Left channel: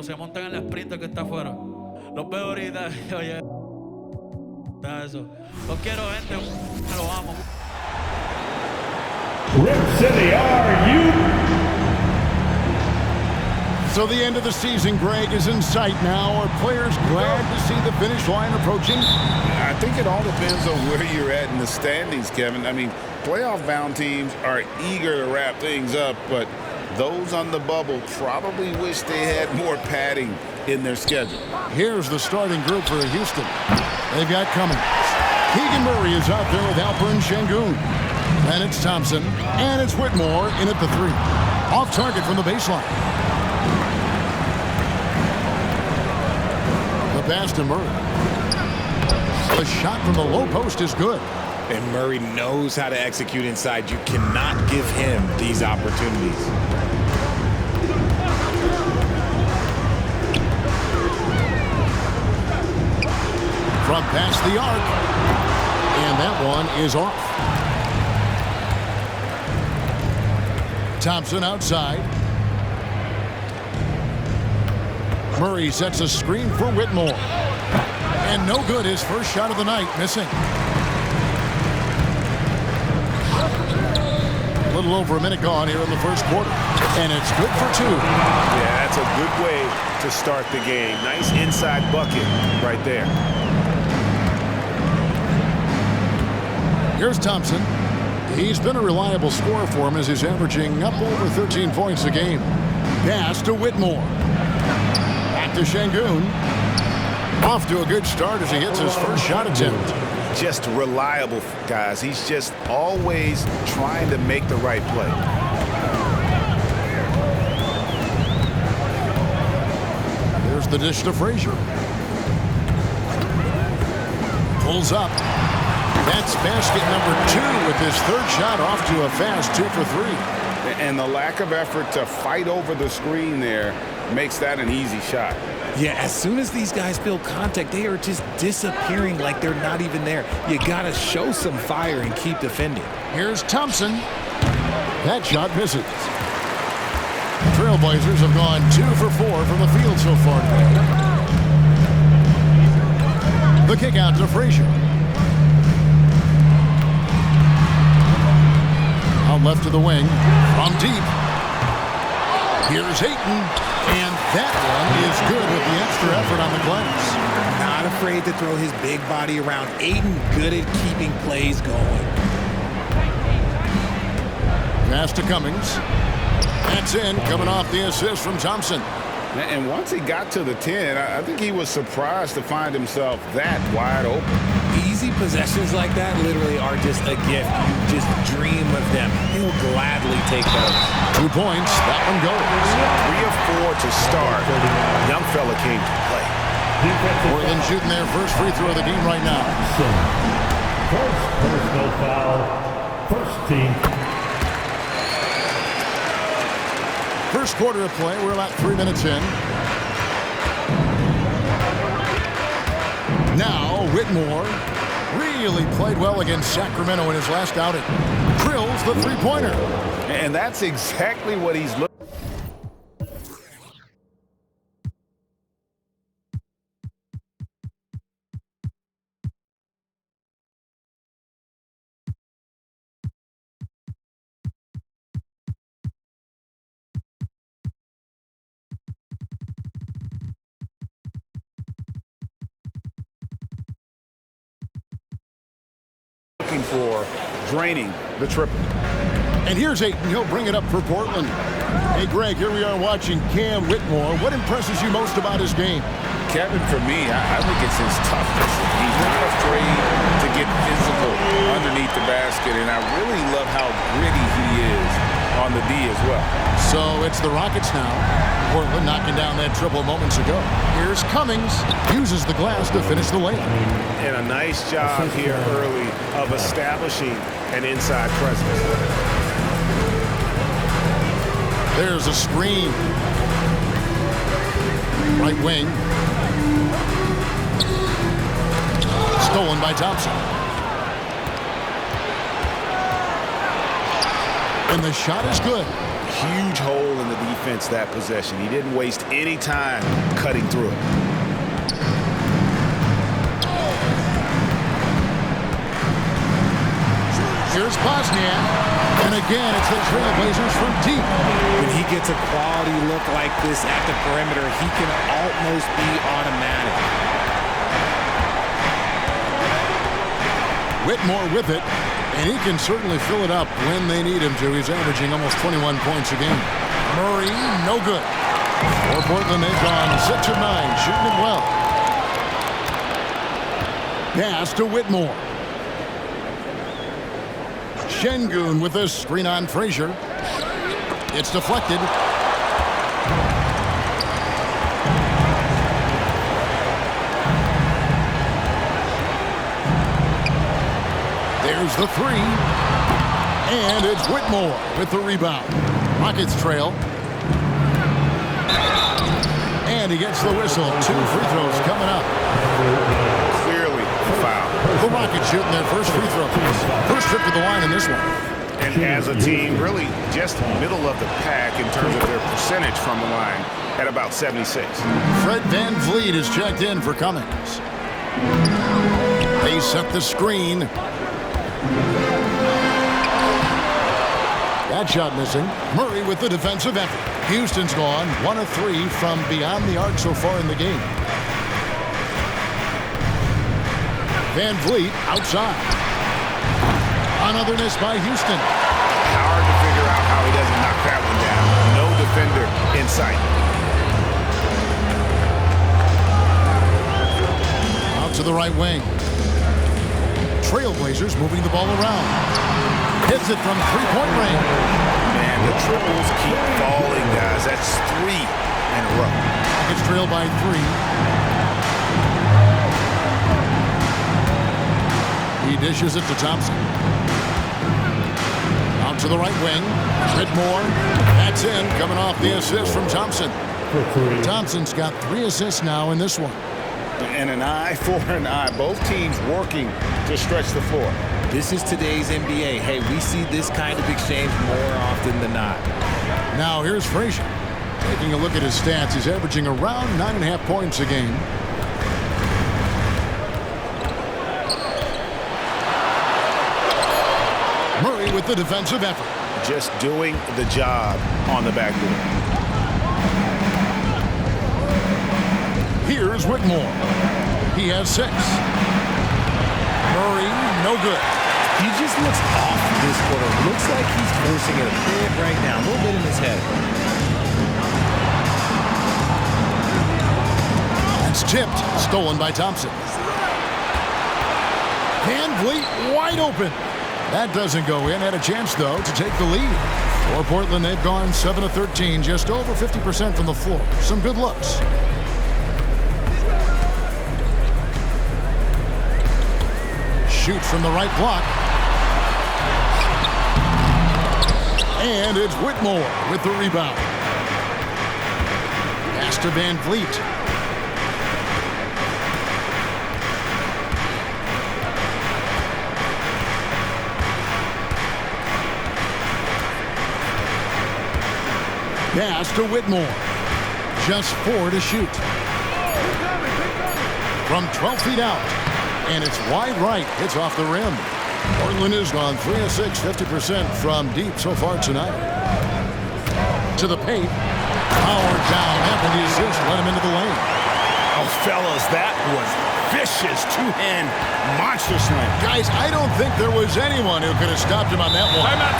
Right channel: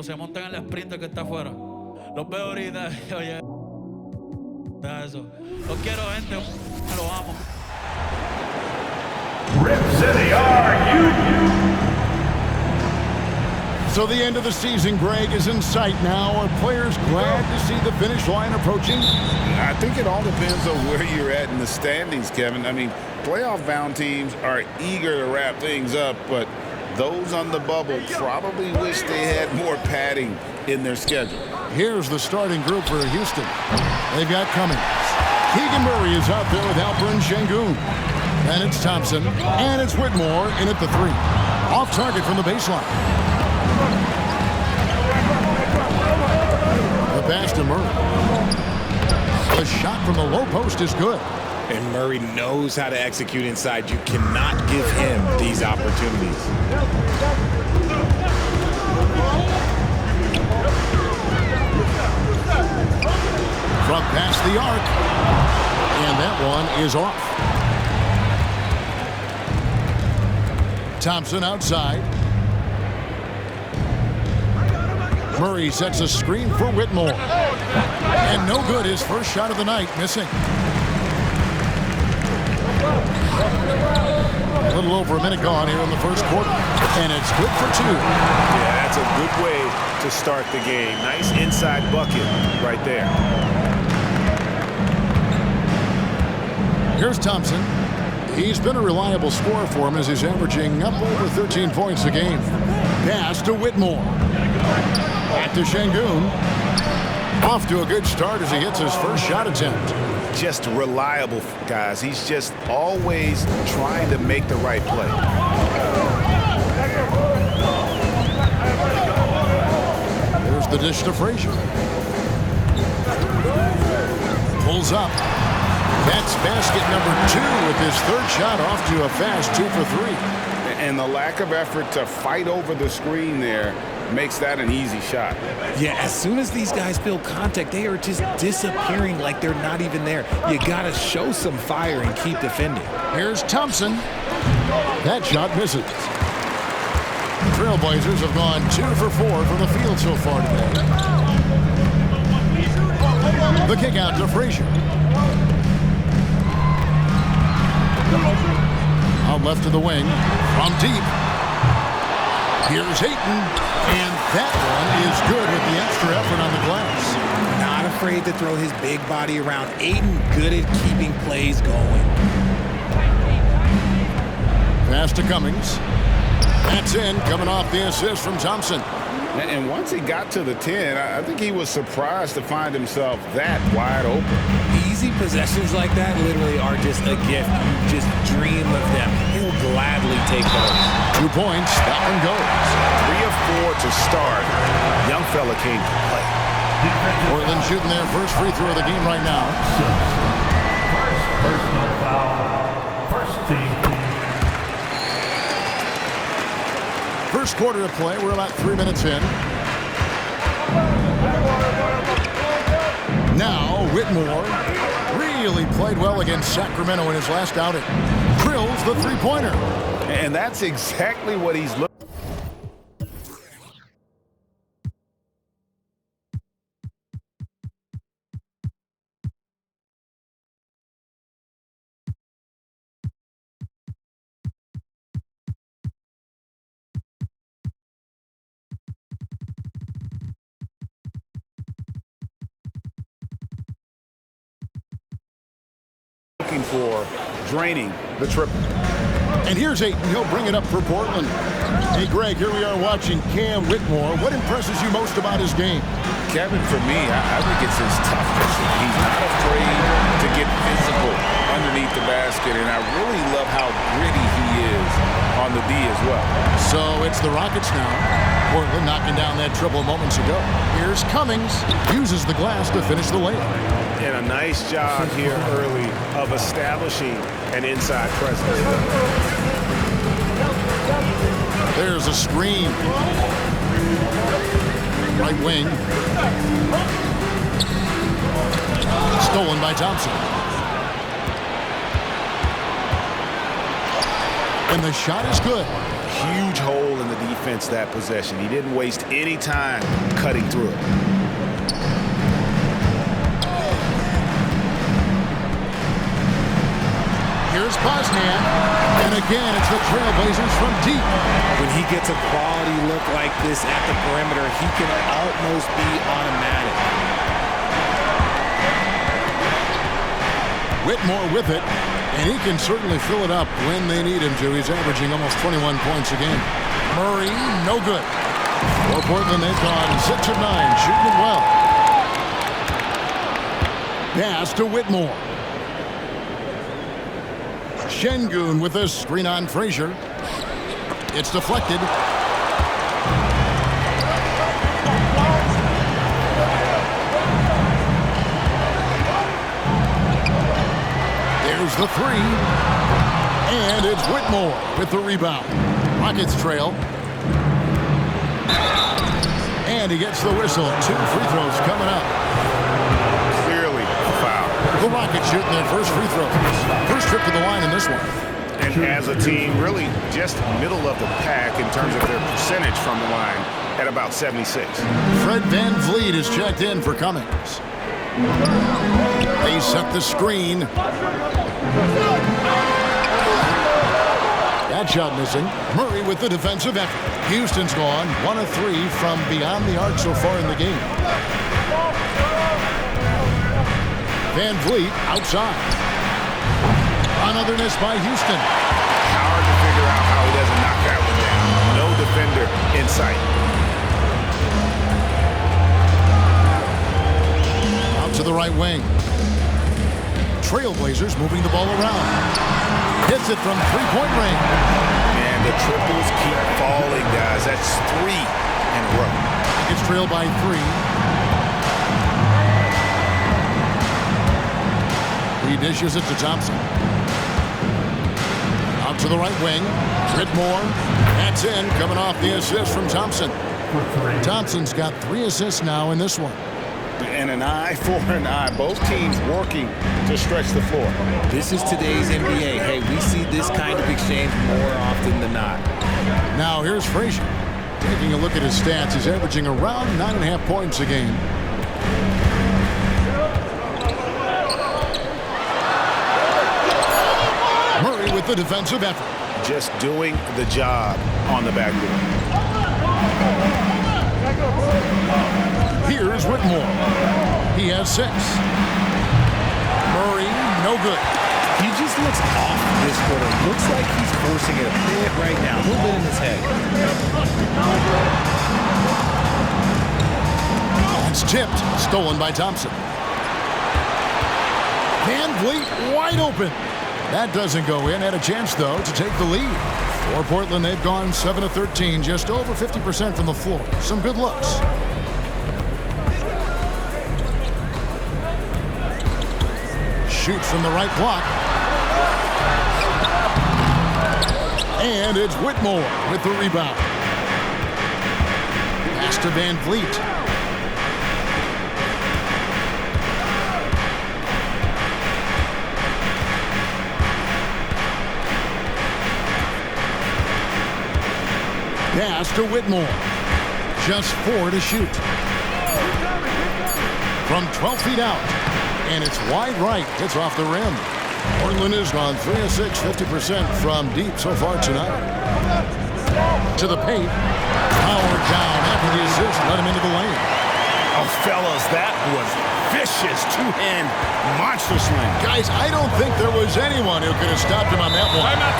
Se montan en el sprinter que está afuera. Los veo ahorita. Oye, eso. Los quiero, gente. Los amo. Rip City, are you? So the end of the season, Greg, is in sight now. Are players glad to see the finish line approaching? I think it all depends on where you're at in the standings, Kevin. I mean, playoff-bound teams are eager to wrap things up, but those on the bubble probably wish they had more padding in their schedule. Here's the starting group for Houston. They've got Cummings. Keegan Murray is out there with Alperen Sengun. And it's Thompson. And it's Whitmore in at the 3. Off target from the baseline. The pass to Murray. The shot from the low post is good. And Murray knows how to execute inside. You cannot give him these opportunities. From past the arc. And that one is off. Thompson outside. Murray sets a screen for Whitmore. And no good, his first shot of the night, missing. A little over a minute gone here in the first quarter. And it's good for 2. Yeah, that's a good way to start the game. Nice inside bucket right there. Here's Thompson. He's been a reliable scorer for him as he's averaging up over 13 points a game. Pass to Whitmore. Back to Sengun. Off to a good start as he hits his first shot attempt. Just reliable, guys. He's just always trying to make the right play. There's the dish to Frazier. Pulls up. That's basket number 2 with his third shot off to a fast 2 for 3. And the lack of effort to fight over the screen there makes that an easy shot. Yeah, as soon as these guys feel contact, they are just disappearing like they're not even there. You got to show some fire and keep defending. Here's Thompson. That shot misses. The Trailblazers have gone 2 for 4 from the field so far today. The kick out to Frazier. Out left to the wing. From deep. Here's Ayton. And that one is good with the extra effort on the glass. Not afraid to throw his big body around. Ayton good at keeping plays going. Pass to Cummings. That's in, coming off the assist from Thompson. And once he got to the 10, I think he was surprised to find himself that wide open. Easy possessions like that literally are just a gift. You just dream of them. He'll gladly take those. 2 points. That one goes. 3 of 4 to start. Young fella came to play. Portland shooting their first free throw of the game right now. First personal foul. First team. First quarter of play. We're about 3 minutes in. Now Whitmore really played well against Sacramento in his last outing. Drills the three-pointer. And that's exactly what he's looking. For draining the triple. And here's Ayton. He'll bring it up for Portland. Hey, Greg, here we are watching Cam Whitmore. What impresses you most about his game? Kevin, for me, I think it's his toughness. He's not afraid to get physical underneath the basket, and I really love how gritty he is on the D as well. So it's the Rockets now. Portland knocking down that triple moments ago. Here's Cummings. Uses the glass to finish the layup. And a nice job here early of establishing an inside presence. There's a screen. Right wing. Stolen by Thompson. And the shot is good. huge hole in the defense that possession. He didn't waste any time cutting through it. Here's Bosniak. And again, it's the Trailblazers from deep. When he gets a quality look like this at the perimeter, he can almost be automatic. Whitmore with it, and he can certainly fill it up when they need him to. He's averaging almost 21 points a game. Murray, no good. For Portland, they've gone 6 of 9, shooting it well. Pass to Whitmore. Şengün with a screen on Frazier. It's deflected. There's the three. And it's Whitmore with the rebound. Rockets trail. And he gets the whistle. 2 free throws coming up. Clearly a foul. The Rockets shooting their first free throws. First trip to the line in this one. And as a team, really just middle of the pack in terms of their percentage from the line at about 76. Fred VanVleet is checked in for Cummings. They set the screen. That shot missing. Murray with the defensive effort. Houston's gone 1 of 3 from beyond the arc so far in the game. VanVleet outside. Another miss by Houston. Hard to figure out how he doesn't knock that one down. No defender in sight. Out to the right wing. Trailblazers moving the ball around. Hits it from three-point range. Man, the triples keep falling, guys. That's 3 in a row. It's trailed by 3. He dishes it to Thompson. Out to the right wing. Whitmore. That's in. Coming off the assist from Thompson. For 3. Thompson's got 3 assists now in this one. And an eye for an eye. Both teams working to stretch the floor. This is today's NBA. Hey, we see this kind of exchange more often than not. Now here's Frazier. Taking a look at his stats, he's averaging around 9.5 points a game. Murray with the defensive effort. Just doing the job on the backboard. Here's Whitmore. He has 6. Murray, no good. He just looks off this quarter. Looks like he's forcing it a bit right now. A little bit in his head. It's tipped. Stolen by Thompson. VanVleet wide open. That doesn't go in. Had a chance, though, to take the lead. For Portland, they've gone 7 of 13, just over 50% from the floor. Some good looks. Shoot from the right block. And it's Whitmore with the rebound. Pass to VanVleet. Pass to Whitmore. Just 4 to shoot. From 12 feet out. And it's wide right. It's off the rim. Portland has gone 3 of 6, 50% from deep so far tonight. To the paint. Powered down after the assist. Let him into the lane. Oh, fellas, that was vicious two-hand monster slam. Guys, I don't think there was anyone who could have stopped him on that one. Timeout.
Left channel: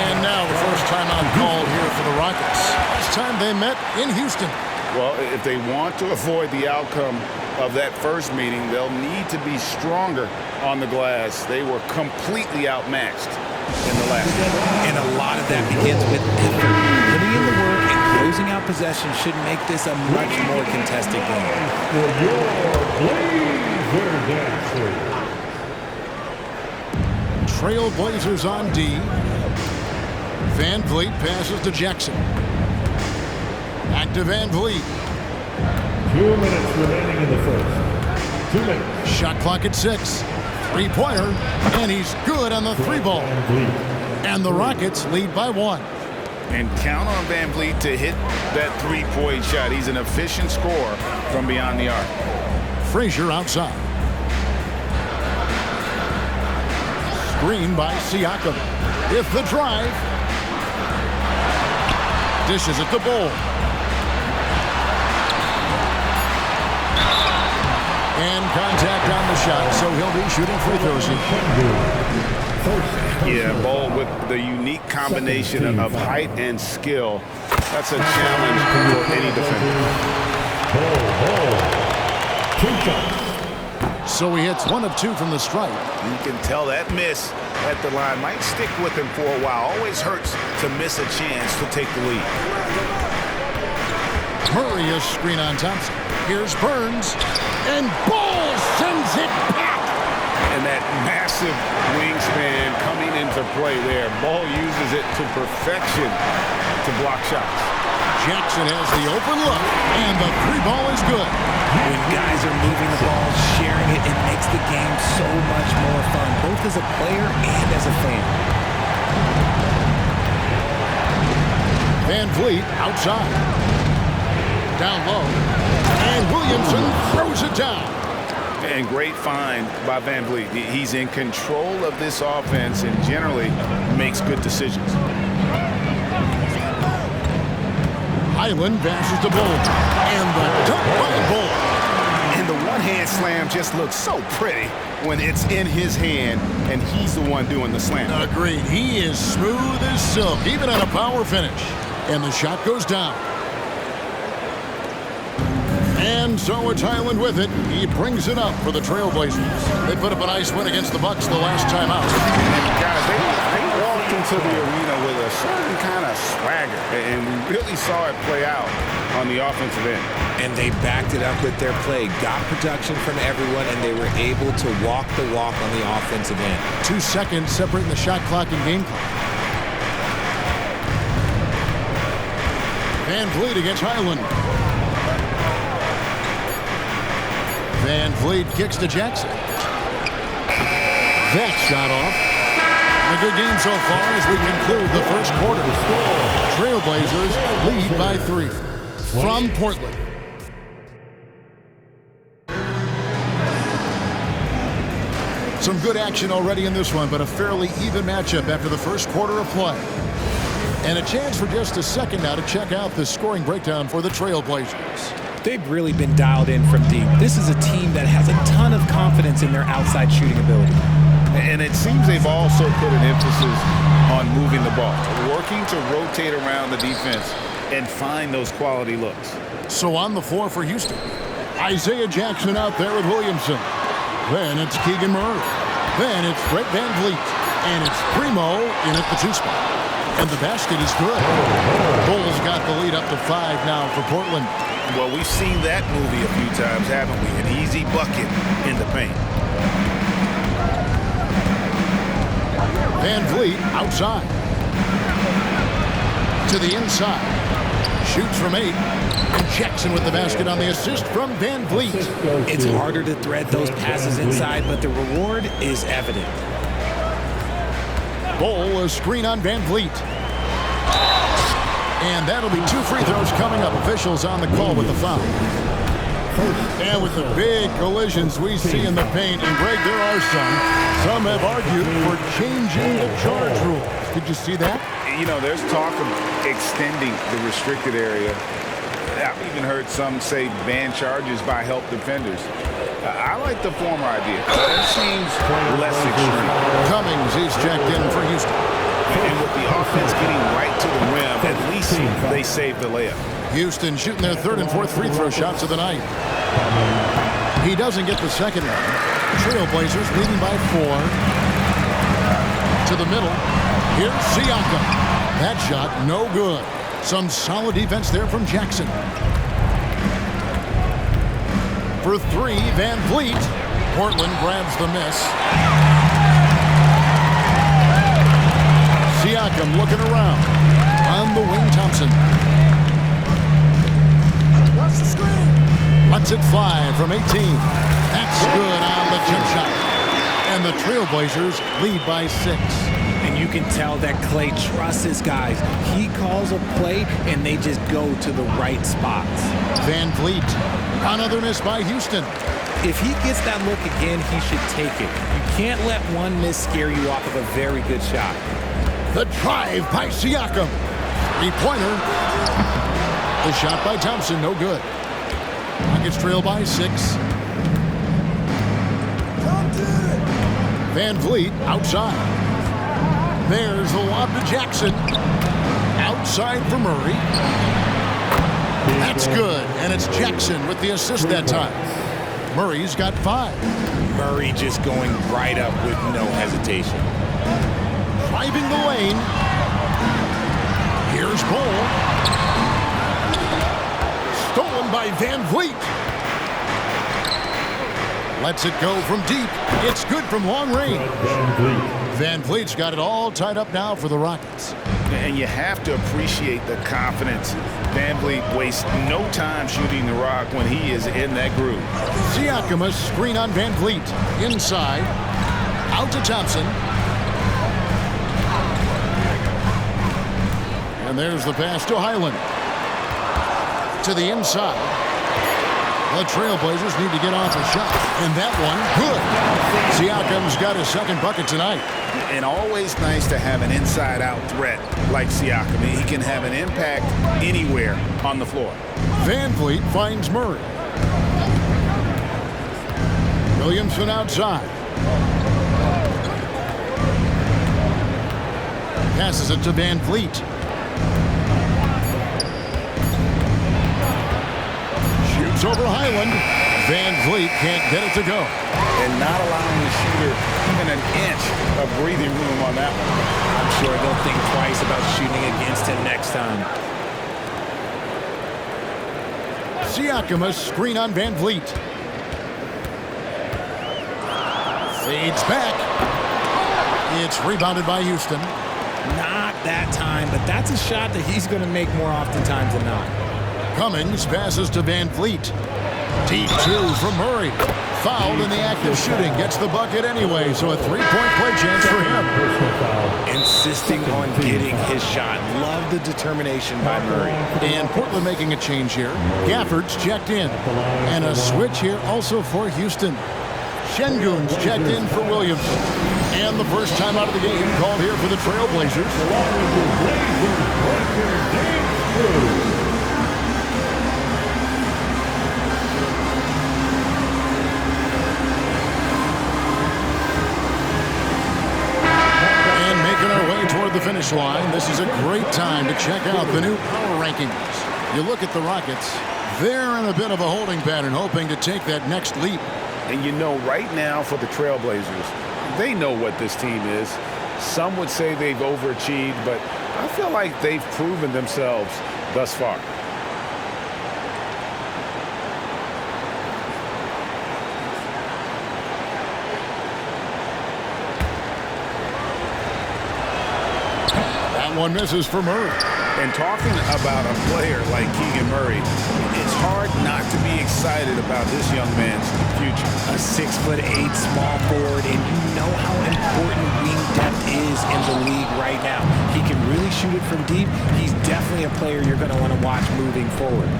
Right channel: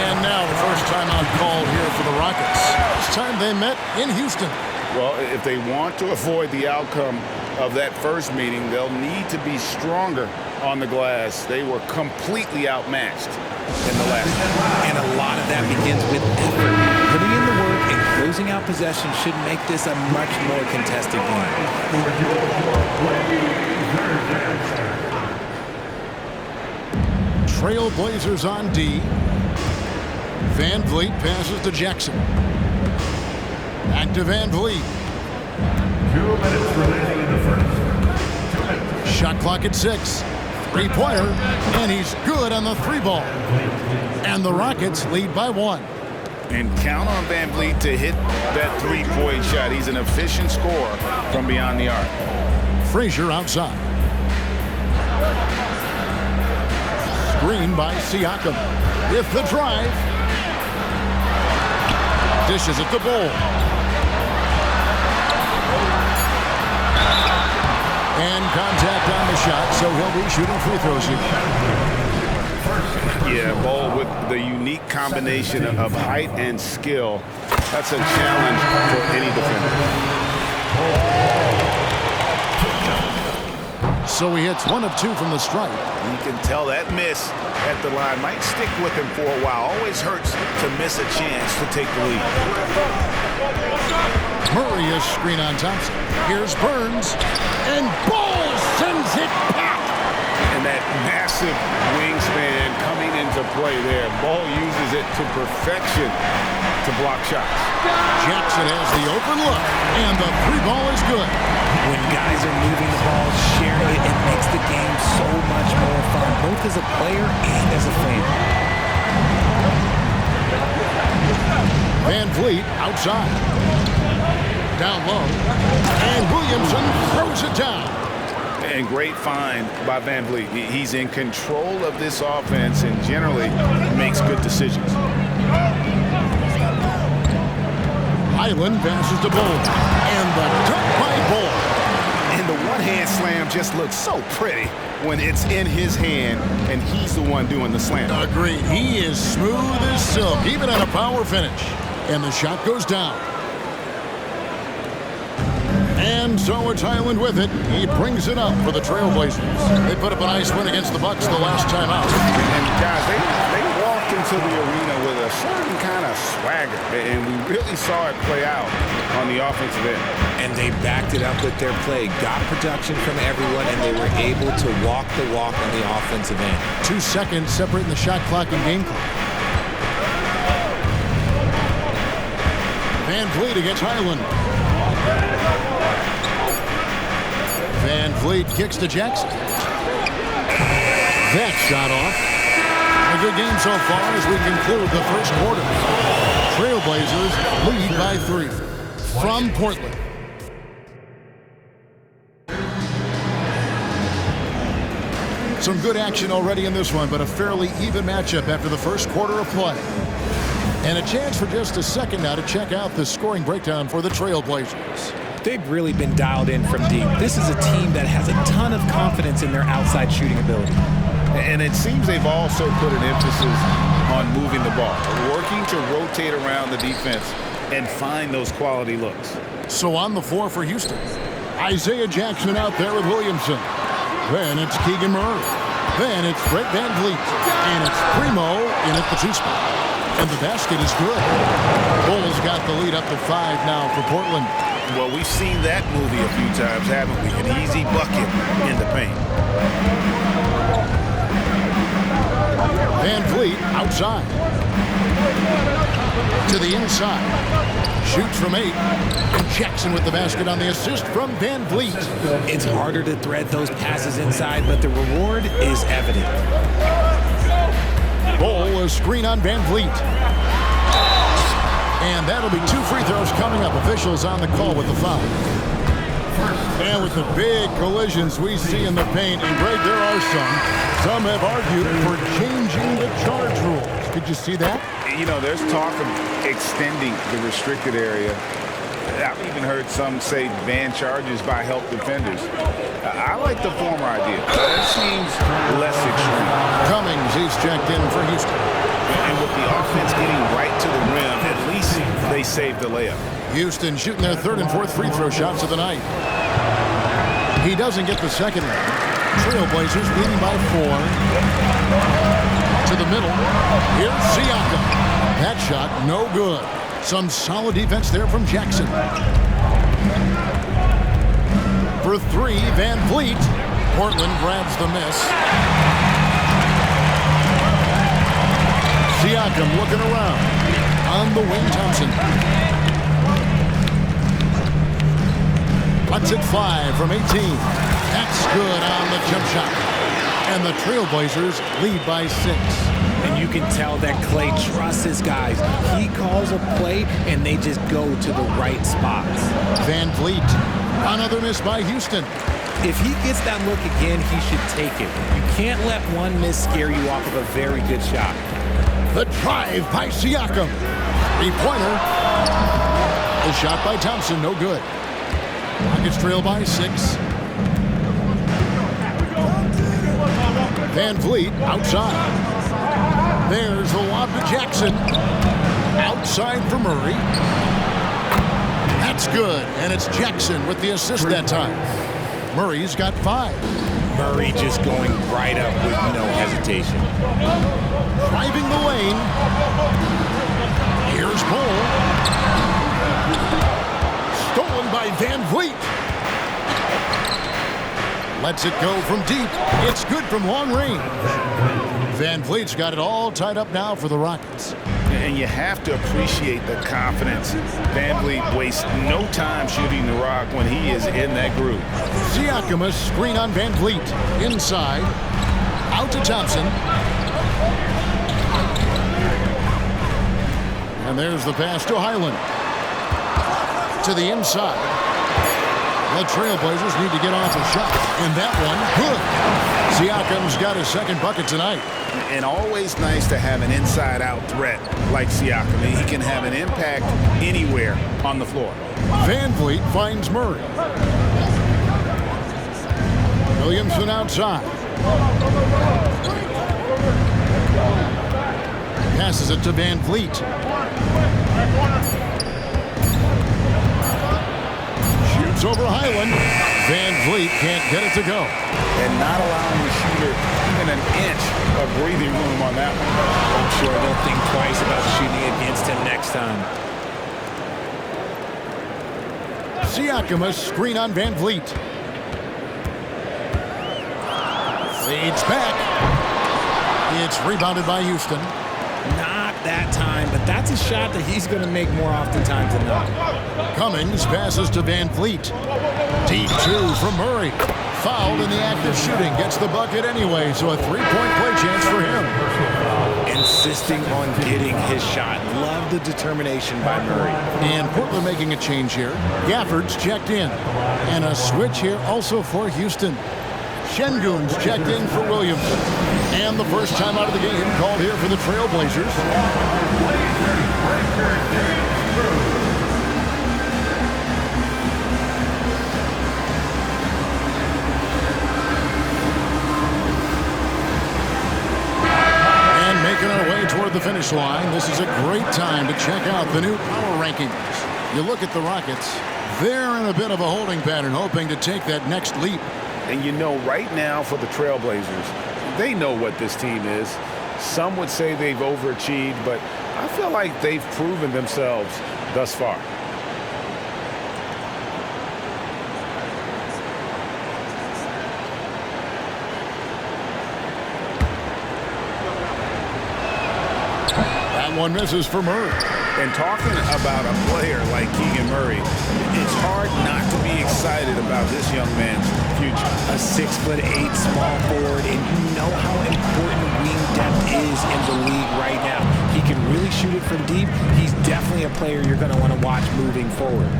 And now the first timeout called here for the Rockets. This time they met in Houston. Well, if they want to avoid the outcome of that first meeting, they'll need to be stronger on the glass. They were completely outmatched in the last one. And a lot of that begins with effort. Putting in the work and closing out possession should make this a much more contested game. For your Blazer Dancer. Trailblazers on D. VanVleet passes to Jackson. Back to VanVleet. 2 minutes remaining in the first. 2 minutes. Shot clock at 6. Three-pointer, and he's good on the 3 ball. VanVleet. And the Rockets lead by 1. And count on Van Vliet to hit that three-point shot. He's an efficient scorer from beyond the arc. Frazier outside. Screen by Siakam. With the drive. Dishes it to Bol. And contact on the shot, so he'll be shooting free throws here. Yeah, Bol with the unique combination of height and skill. That's a challenge for any defender. So he hits 1 of 2 from the stripe. You can tell that miss at the line might stick with him for a while. Always hurts to miss a chance to take the lead. Murray is screen on Thompson. Here's Burns. And Bol sends it back. And that massive wingspan coming into play there. Bol uses it to perfection to block shots. Jackson has the open look. And the 3 ball is good. When guys are moving the ball, sharing it, it makes the game so much more fun, both as a player and as a fan. Van Vliet outside. Down low. And Williamson throws it down. And great find by Van Vliet. He's in control of this offense and generally makes good decisions. Highland passes to Bol. And the dunk by Bol. And the one-hand slam just looks so pretty when it's in his hand and he's the one doing the slam. Agreed. He is smooth as silk, even at a power finish. And the shot goes down. And so it's Highland with it. He brings it up for the Trailblazers. They put up a nice win against the Bucks the last time out. And guys, they walked into the arena with a certain kind of swagger. And we really saw it play out on the offensive end. And they backed it up with their play, got production from everyone, and they were able to walk the walk on the offensive end. 2 seconds separating the shot clock and game clock. Van Vliet against Highland. Van Vliet kicks to Jackson. That shot off. A good game so far as we conclude the first quarter. Trailblazers lead by 3 from Portland. Some good action already in this one, but a fairly even matchup after the first quarter of play. And a chance for just a second now to check out the scoring breakdown for the Trailblazers. They've really been dialed in from deep. This is a team that has a ton of confidence in their outside shooting ability. And it seems they've also put an emphasis on moving the ball, working to rotate around the defense and find those quality looks. So on the floor for Houston, Isaiah Jackson out there with Williamson. Then it's Keegan Murray. Then it's Brett Van Vliet. And it's Primo in at the 2 spot. And the basket is good. Bol's got the lead up to 5 now for Portland. Well, we've seen that movie a few times, haven't we? An easy bucket in the paint. Van Vliet outside. To the inside. Shoots from 8. And Jackson with the basket on the assist from Van Vliet. It's harder to thread those passes inside, but the reward is evident. Bol, a screen on Van Vliet. And that'll be 2 free throws coming up. Officials on the call with the foul. And with the big collisions we see in the paint, and Greg, there are some have argued for changing the charge rules. Did you see that? You know, there's talk of extending the restricted area. I've even heard some say ban charges by help defenders. I like the former idea. It seems less extreme. Cummings, he's checked in for Houston. And with the offense getting right to the rim, at least they saved the layup. Houston shooting their 3rd and 4th free throw shots of the night. He doesn't get the second one. Trailblazers leading by 4. To the middle. Here's Siakam. That shot no good. Some solid defense there from Jackson. For 3, Van Vliet. Portland grabs the miss. Siakam looking around. On the wing, Thompson. Lets it fly from 18. That's good on the jump shot. And the Trailblazers lead by 6. And you can tell that Klay trusts his guys. He calls a play, and they just go to the right spots. Van Vliet. Another miss by Houston. If he gets that look again, he should take it. You can't let one miss scare you off of a very good shot. The drive by Siakam. Three-pointer. The shot by Thompson, no good. Rockets trail by 6. Van Vliet outside. There's the lob to Jackson. Outside for Murray. That's good, and it's Jackson with the assist that time. Murray's got 5. Murray just going right up with no hesitation. Driving the lane. Here's Bull. Stolen by Van Vliet. Lets it go from deep. It's good from long range. Van Vliet's got it all tied up now for the Rockets. And you have to appreciate the confidence. Van Vliet wastes no time shooting the rock when he is in that groove. Siakam, a screen on Van Vliet. Inside. Out to Thompson. And there's the pass to Highland. To the inside. The Trailblazers need to get off a shot. And that one, good. Siakam's got his second bucket tonight. And always nice to have an inside-out threat like Siakam. He can have an impact anywhere on the floor. Van Vliet finds Murray. Williamson outside. Passes it to Van Vliet. Shoots over Highland. Van Vliet can't get it to go. And not allowing the shooter even an inch of breathing room on that one. I'm sure they'll think twice about shooting against him next time. Siakam, a screen on Van Vliet. Fades back. It's rebounded by Houston. Not that time, but that's a shot that he's going to make more oftentimes than not. Cummings passes to Van Vliet. Deep 2 from Murray. Fouled in the act of shooting. Gets the bucket anyway, so a 3-point play chance for him. Insisting on getting his shot. Love the determination by Murray. And Portland making a change here. Gafford's checked in. And a switch here also for Houston. Şengün's checked in for Williamson. And the first time out of the game called here for the Trailblazers. And making our way toward the finish line, this is a great time to check out the new power rankings. You look at the Rockets, they're in a bit of a holding pattern, hoping to take that next leap. And you know, right now for the Trailblazers, they know what this team is. Some would say they've overachieved, but I feel like they've proven themselves thus far. That one misses for Murray. And talking about a player like Keegan Murray, it's hard not to be excited about this young man's future. A 6'8" small forward, and you know how important wing depth is in the league right now. He can really shoot it from deep. He's definitely a player you're going to want to watch moving forward.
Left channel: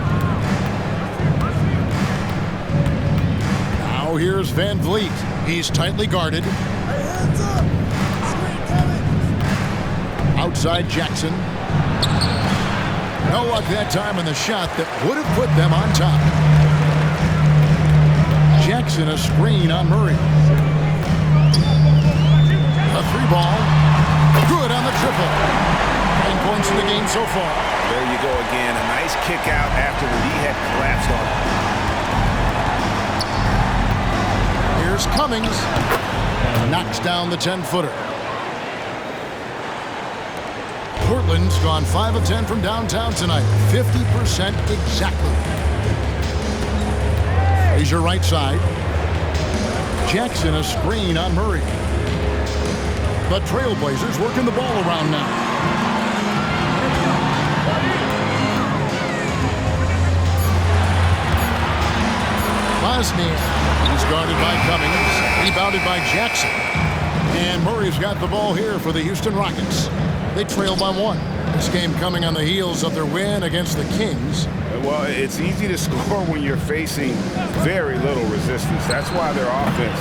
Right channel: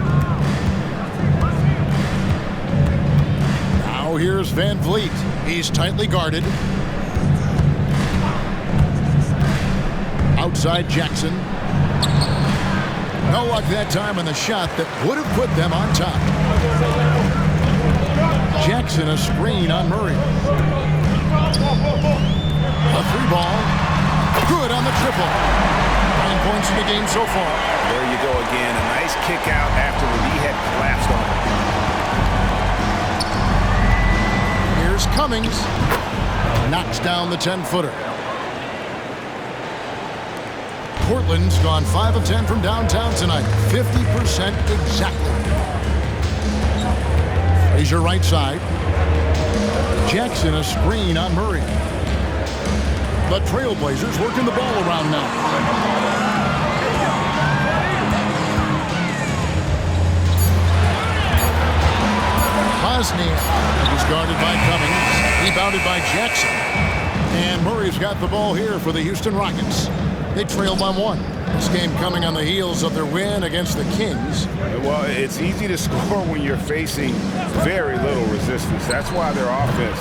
Now here's Van Vliet. He's tightly guarded. Outside Jackson. No luck that time on the shot that would have put them on top. Jackson, a screen on Murray. A 3-ball. Good on the triple. 9 points in the game so far. There you go again. A nice kick out after the knee had collapsed on him. Here's Cummings. Knocks down the 10-footer. Portland's gone 5 of 10 from downtown tonight. 50% exactly. Frazier right side. Jackson a screen on Murray. The Trailblazers working the ball around now. Bosnia. He's guarded by Cummings. Rebounded by Jackson. And Murray's got the ball here for the Houston Rockets. They trail by 1. This game coming on the heels of their win against the Kings. Well, it's easy to score when you're facing very little resistance. That's why their offense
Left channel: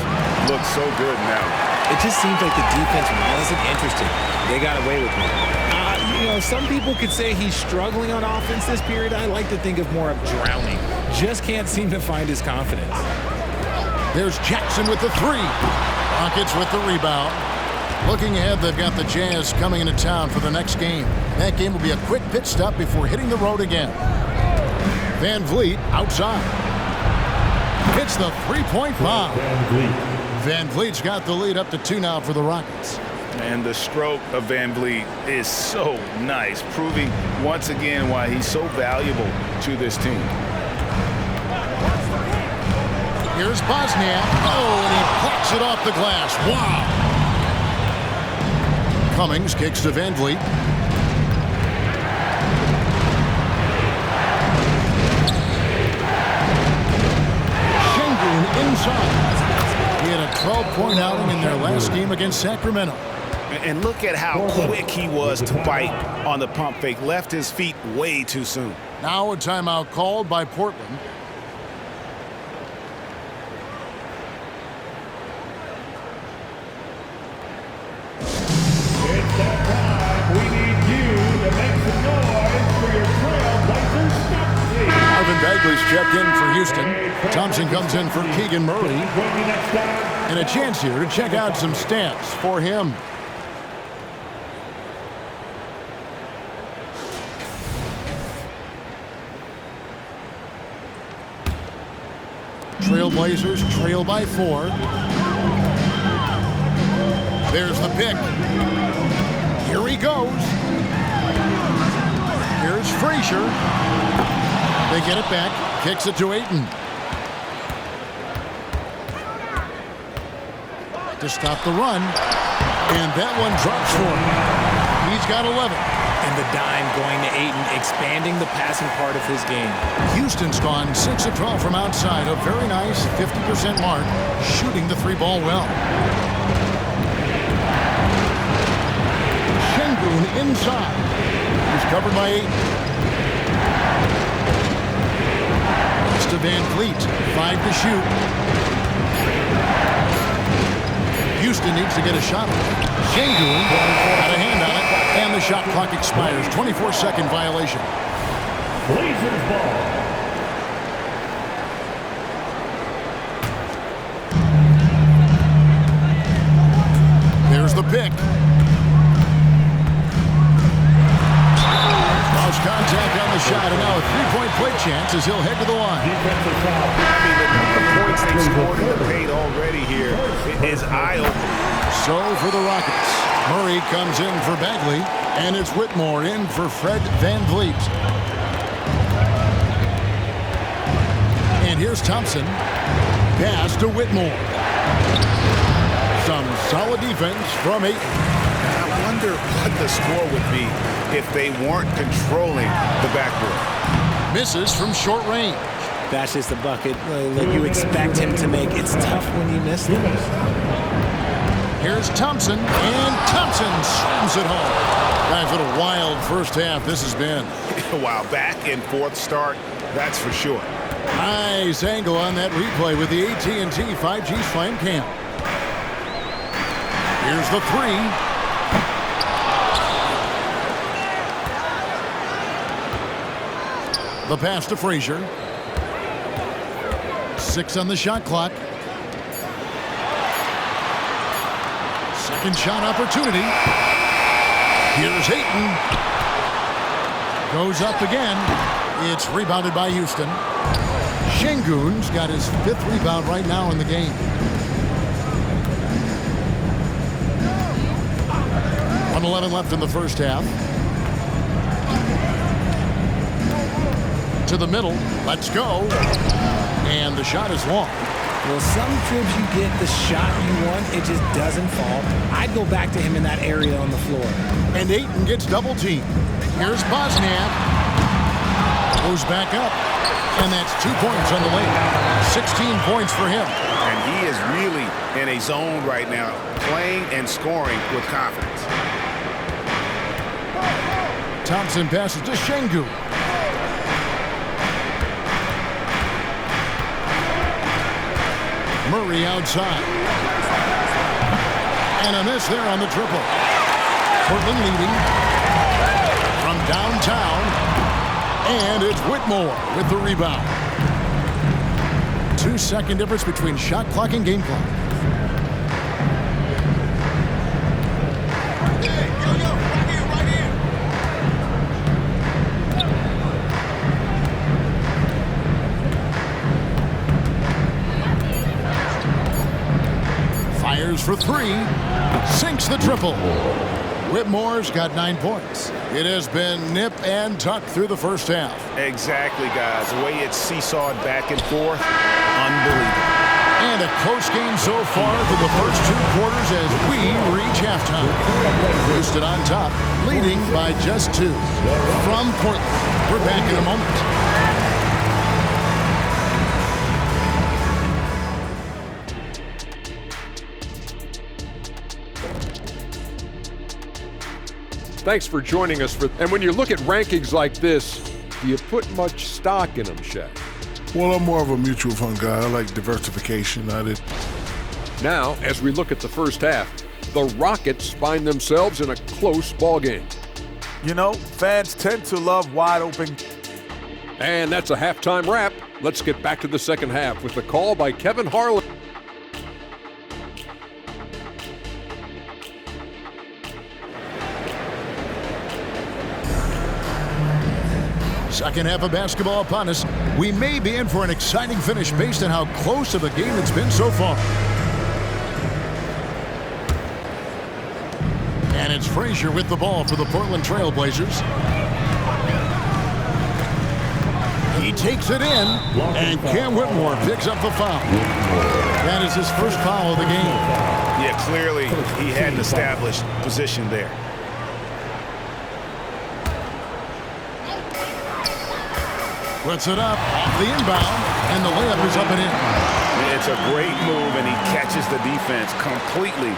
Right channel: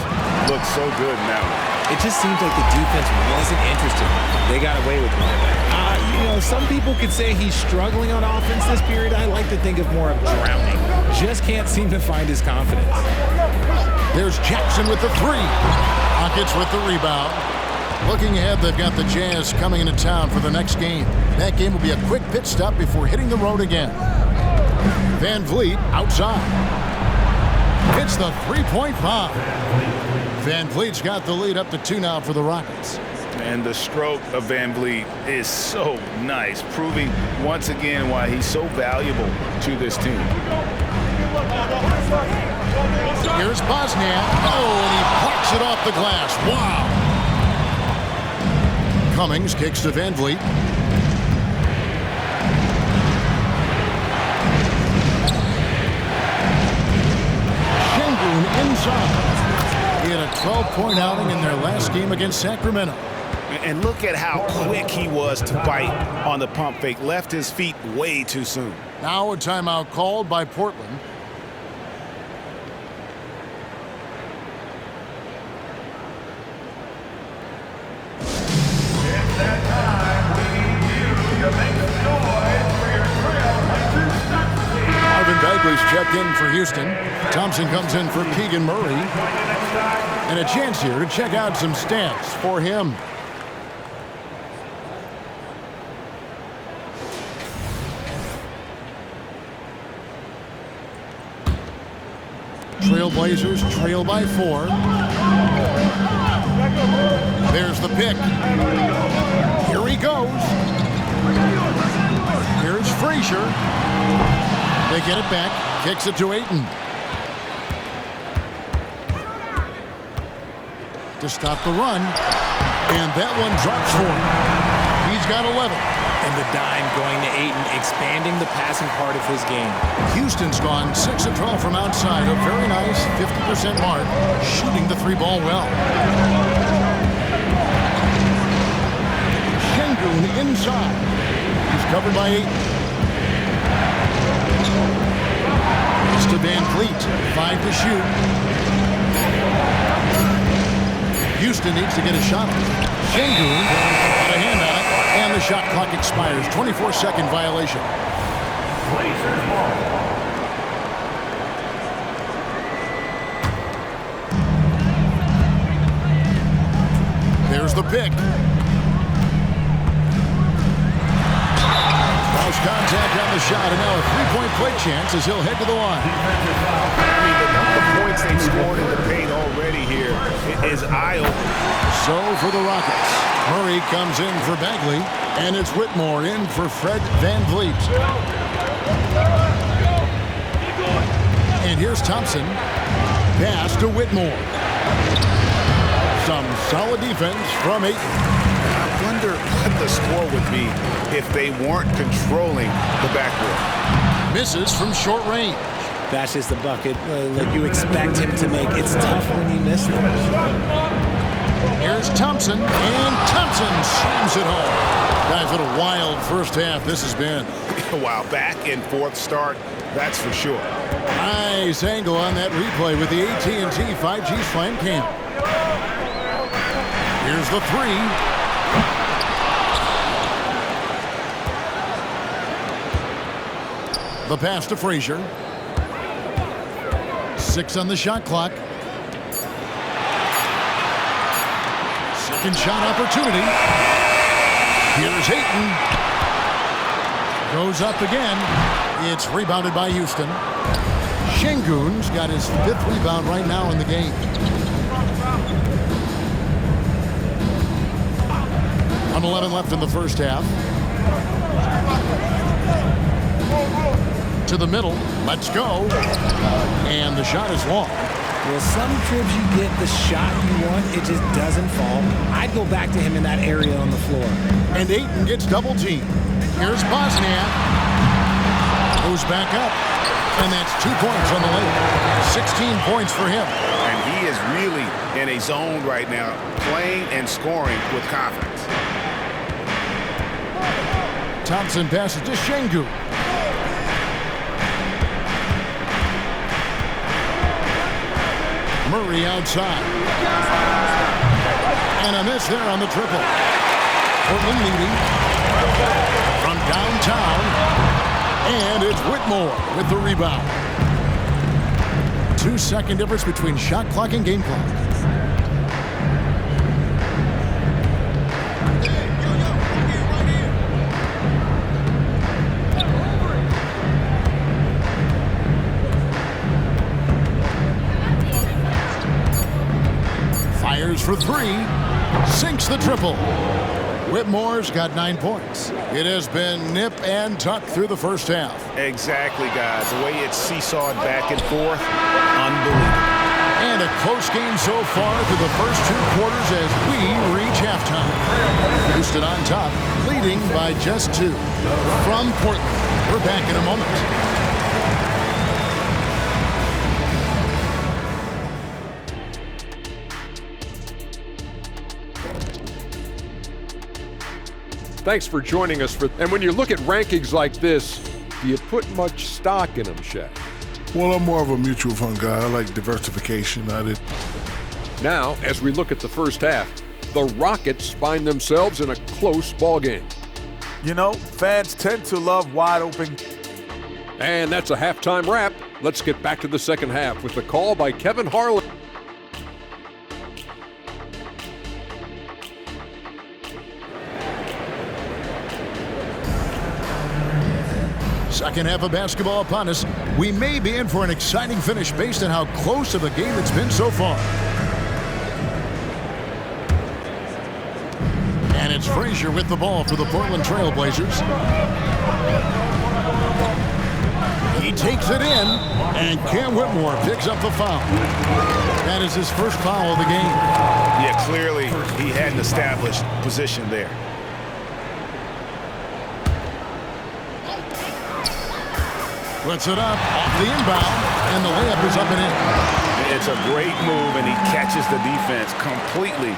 looks so good now. It just seems like the defense wasn't interested. They got away with one. Some people could say he's struggling on offense this period. I like to think of more of drowning. Just can't seem to find his confidence. There's Jackson with the 3. Rockets with the rebound. Looking ahead, they've got the Jazz coming into town for the next game. That game will be a quick pit stop before hitting the road again. Van Vliet outside. Hits the three-point bomb. Van Vliet's got the lead up to 2 now for the Rockets. And the stroke of Van Vliet is so nice, proving once again why he's so valuable to this team. Here's Bosniak. Oh, and he plucks it off the glass. Wow. Cummings kicks to Van Vliet. Şengün inside. He had a 12-point outing in their last game against Sacramento. And look at how quick he was to bite on the pump fake. Left his feet way too soon. Now a timeout called by Portland. It's that time. We need you to make some noise for your Trailblazers stats team. Marvin Bagley's checked in for Houston. Thompson comes in for Keegan Murray. And a chance here to check out some stats for him. Trailblazers trail by 4. There's the pick. Here he goes. Here's Frazier. They get it back. Kicks it to Ayton. To stop the run. And that one drops for him. He's got 11. And the dime going to Ayton, expanding the passing part of his game. Houston's gone 6 of 12 from outside. A very nice 50% mark, shooting the 3-ball well. Şengün inside. He's covered by Ayton. It's to Van Vliet. 5 to shoot. Houston needs to get a shot on it. Şengün got a hand on it, and the shot clock expires. 24-second violation. Blazers ball. There's the pick. Cross contact on the shot, and now a 3-point play chance as he'll head to the line. I mean, the number of points they've scored in the paint already here is eye-opening. So for the Rockets, Murray comes in for Bagley, and it's Whitmore in for Fred Van Vliet. And here's Thompson. Pass to Whitmore. Some solid defense from Ayton. I wonder what the score would be if they weren't controlling the backboard. Misses from short range. That's just the bucket like you expect him to make. It's tough when you miss them. Here's Thompson, and Thompson slams it home. Guys, what a wild first half this has been. Wow, back and forth start, that's for sure. Nice angle on that replay with the AT&T 5G Slam Cam. Here's the 3. The pass to Frazier. 6 on the shot clock. Second shot opportunity. Here's Ayton. Goes up again. It's rebounded by Houston. Şengün's got his 5th rebound right now in the game. .111 left in the first half. To the middle. Let's go. And the shot is long. Well, some trips you get the shot you want, it just doesn't fall. I'd go back to him in that area on the floor. And Ayton gets double teamed. Here's Bosniak. Goes back up. And that's 2 points on the layup. 16 points for him. And he is really in a zone right now, playing and scoring with confidence. Thompson passes to Şengün. Murray outside. And a miss there on the triple. Portland leading from downtown. And it's Whitmore with the rebound. 2-second difference between shot clock and game clock. Fires for three. Sinks the triple. Whitmore's got 9 points. It has been nip and tuck through the first half. Exactly, guys. The way it's seesawed back and forth, unbelievable. And a close game so far through the first 2 quarters as we reach halftime. Houston on top, leading by just 2. From Portland, we're back in a moment. Thanks for joining us. And when you look at rankings like this, do you put much stock in them, Shaq? Well, I'm more of a mutual fund guy. I like diversification. Now, as we look at the first half, the Rockets find themselves in a close ballgame. You know, fans tend to love wide open. And that's a halftime wrap. Let's get back to the second half with the call by Kevin Harlan. Second half of basketball upon us. We may be in for an exciting finish based on how close of a game it's been so far. And it's Frazier with the ball for the Portland Trail Blazers. He takes it in, and Cam Whitmore picks up the foul. That is his first foul of the game. Yeah, clearly he had an established position there. Puts it up off the inbound, and the layup is up and in. It's a great move, and he catches the defense completely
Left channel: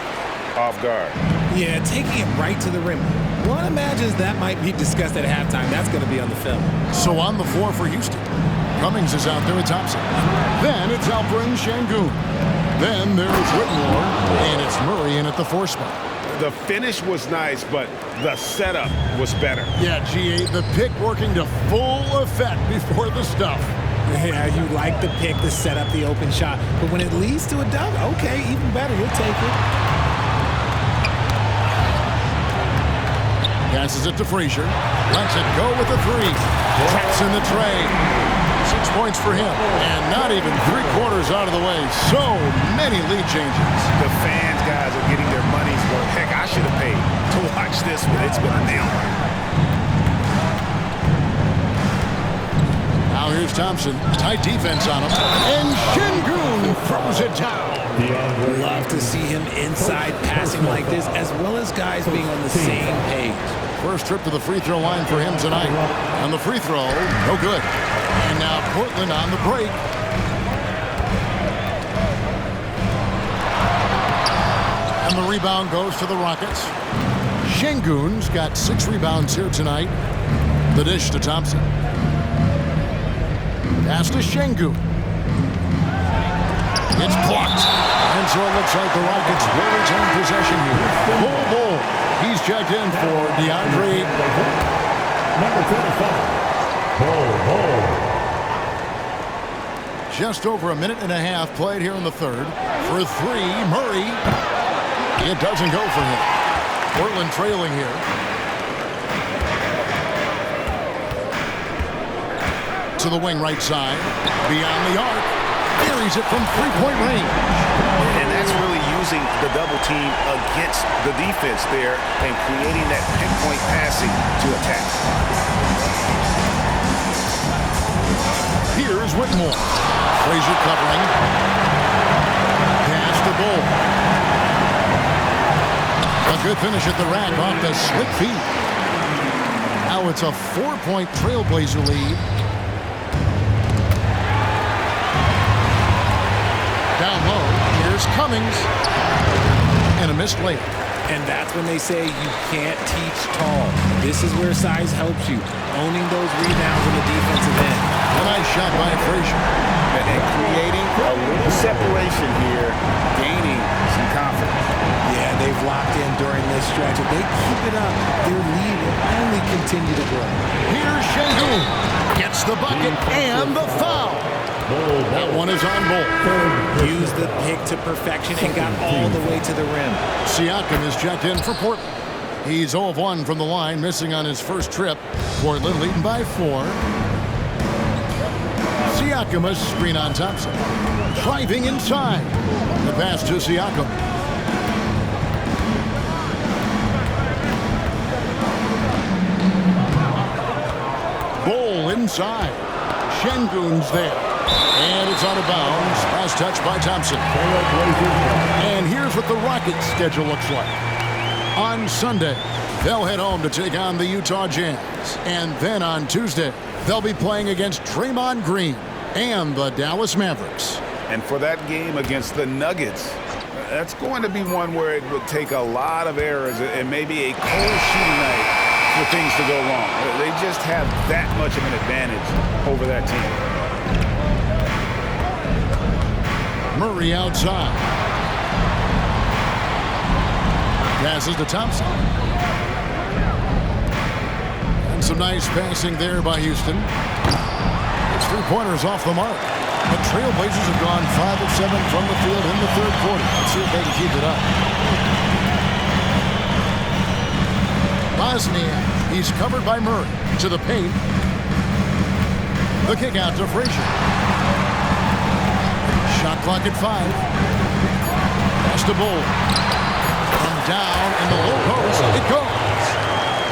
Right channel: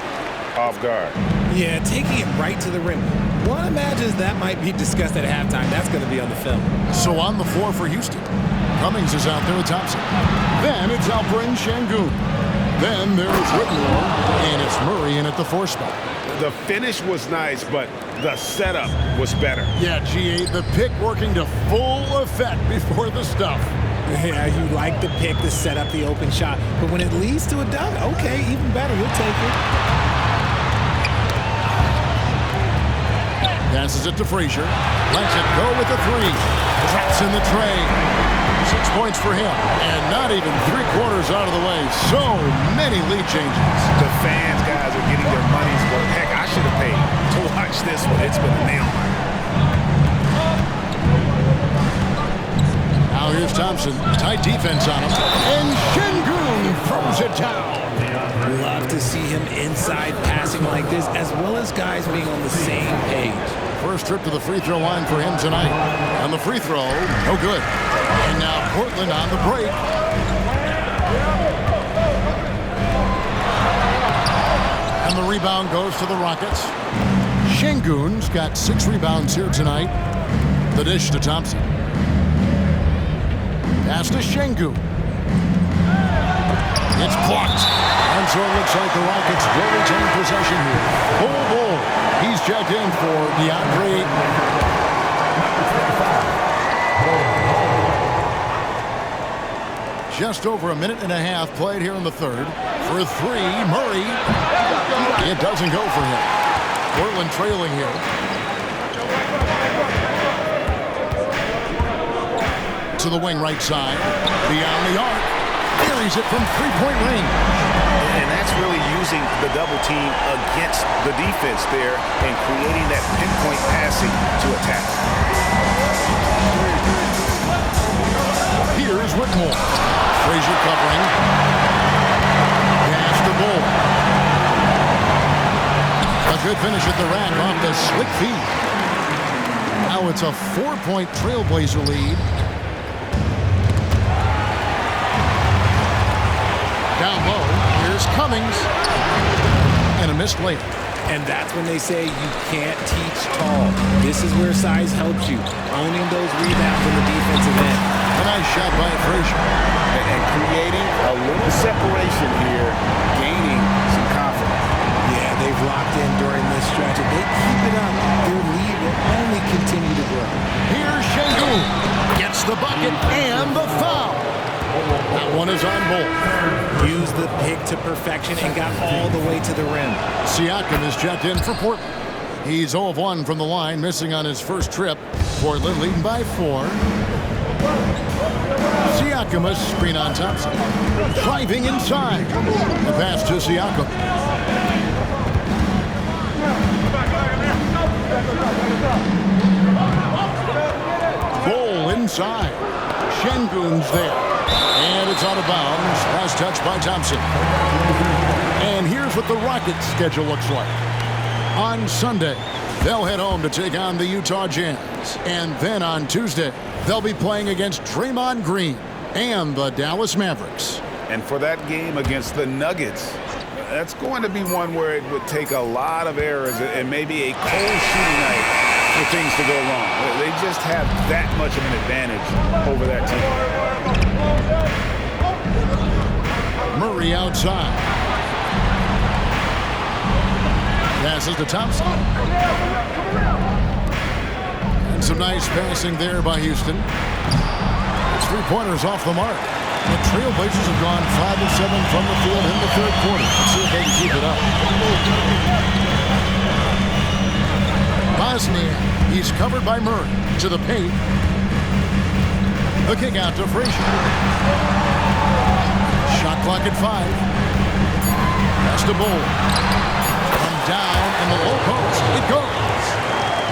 off guard. Yeah, taking it right to the rim. One imagines that might be discussed at halftime. That's going to be on the film. So on the floor for Houston, Cummings is out there with Thompson. Then it's Alperen Şengün. Then there's Whitmore, and it's Murray in at the 4 spot. The finish was nice, but the setup was better. Yeah, G8, the pick working to full effect before the stuff. Yeah, you like the pick to set up the open shot, but when it leads to a dunk, okay, even better, you'll take it. Passes it to Frazier. Lets it go with the 3. Traps in the tray. 6 points for him. And not even 3/4 out of the way. So many lead changes. The fans, guys, are getting their money's worth. Heck, I should have paid to watch this one. It's been a nail biter. Now here's Thompson. Tight defense on him. And Şengün throws it down. Love to see him inside passing like this, as well as guys being on the same page. First trip to the free throw line for him tonight. And the free throw, no good. And now Portland on the break. And the rebound goes to the Rockets. Şengün's got 6 rebounds here tonight. The dish to Thompson. Pass to Şengün. It's blocked. And so it looks like the Rockets will retain possession here. Bull. He's checked in for DeAndre. Number 35, Bull. Just over a minute and a half played here in the third. For 3, Murray. It doesn't go for him. Portland trailing here. To the wing right side. Beyond the arc. Buries it from 3-point range. And that's really using the double team against the defense there and creating that pinpoint passing to attack. Here's Whitmore. Frazier covering. Pass to Bull. A good finish at the rack off the slick feed. Now it's a 4-point Trailblazer lead. Down low. Here's Cummings. And a missed layup. And that's when they say you can't teach tall. This is where size helps you, owning those rebounds on the defensive end. A nice shot by Frazier. And creating a little separation here, gaining some confidence. Yeah, they've locked in during this stretch. If they keep it up, their lead will only continue to grow. Here's Şengün. Gets the bucket and the foul. That one is on Bol. Used the pick to perfection and got all the way to the rim. Siakam is checked in for Portland. He's 0 of 1 from the line, missing on his first trip. Portland leading by 4. Siakam, a screen on Thompson. Driving inside. The pass to Siakam. Bol inside. Şengün's there. And it's out of bounds. Last touch by Thompson. And here's what the Rockets' schedule looks like. On Sunday, they'll head home to take on the Utah Jazz. And then on Tuesday, they'll be playing against Draymond Green and the Dallas Mavericks. And for that game against the Nuggets, that's going to be one where it would take a lot of errors and maybe a cold shooting night for things to go wrong. They just have that much of an advantage over that team. Murray outside. Passes to Thompson. And some nice passing there by Houston. It's 3-pointers off the mark. The Trailblazers have gone 5 of 7 from the field in the third quarter. Let's see if they can keep it up. Bosniak. He's covered by Murray. To the paint. The kick out to Frazier. Shot clock at 5. Pass to Bol. From down in the low post, it goes.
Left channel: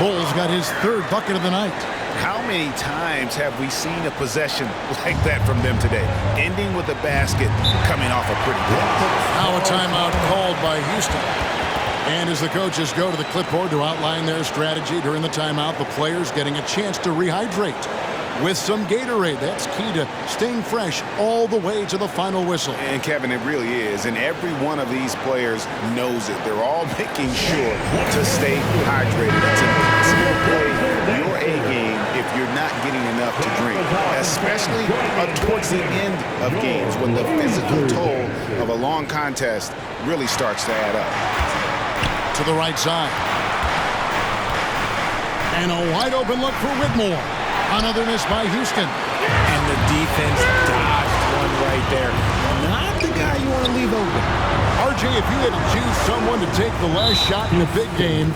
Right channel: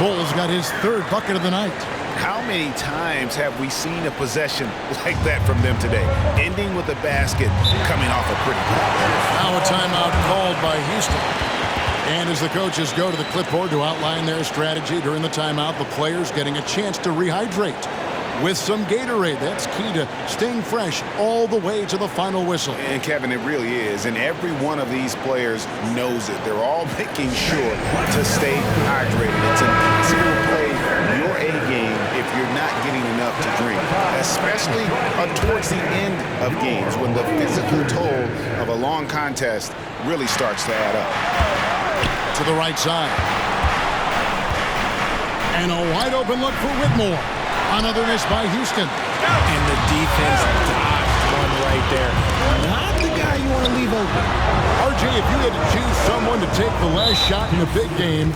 Bol's got his third bucket of the night. How many times have we seen a possession like that from them today, ending with a basket coming off a pretty pass? Now a timeout called by Houston. And as the coaches go to the clipboard to outline their strategy during the timeout, the players getting a chance to rehydrate with some Gatorade. That's key to staying fresh all the way to the final whistle. And Kevin, it really is. And every one of these players knows it. They're all making sure to stay hydrated. It's impossible to play your A game if you're not getting enough to drink, especially towards the end of games when the physical toll of a long contest really starts to add up. To the right side. And a wide open look for Whitmore. Another miss by Houston. And the defense dodged one right there. Not the guy you want to leave open. RJ, if you had to choose someone to take the last shot in a big game,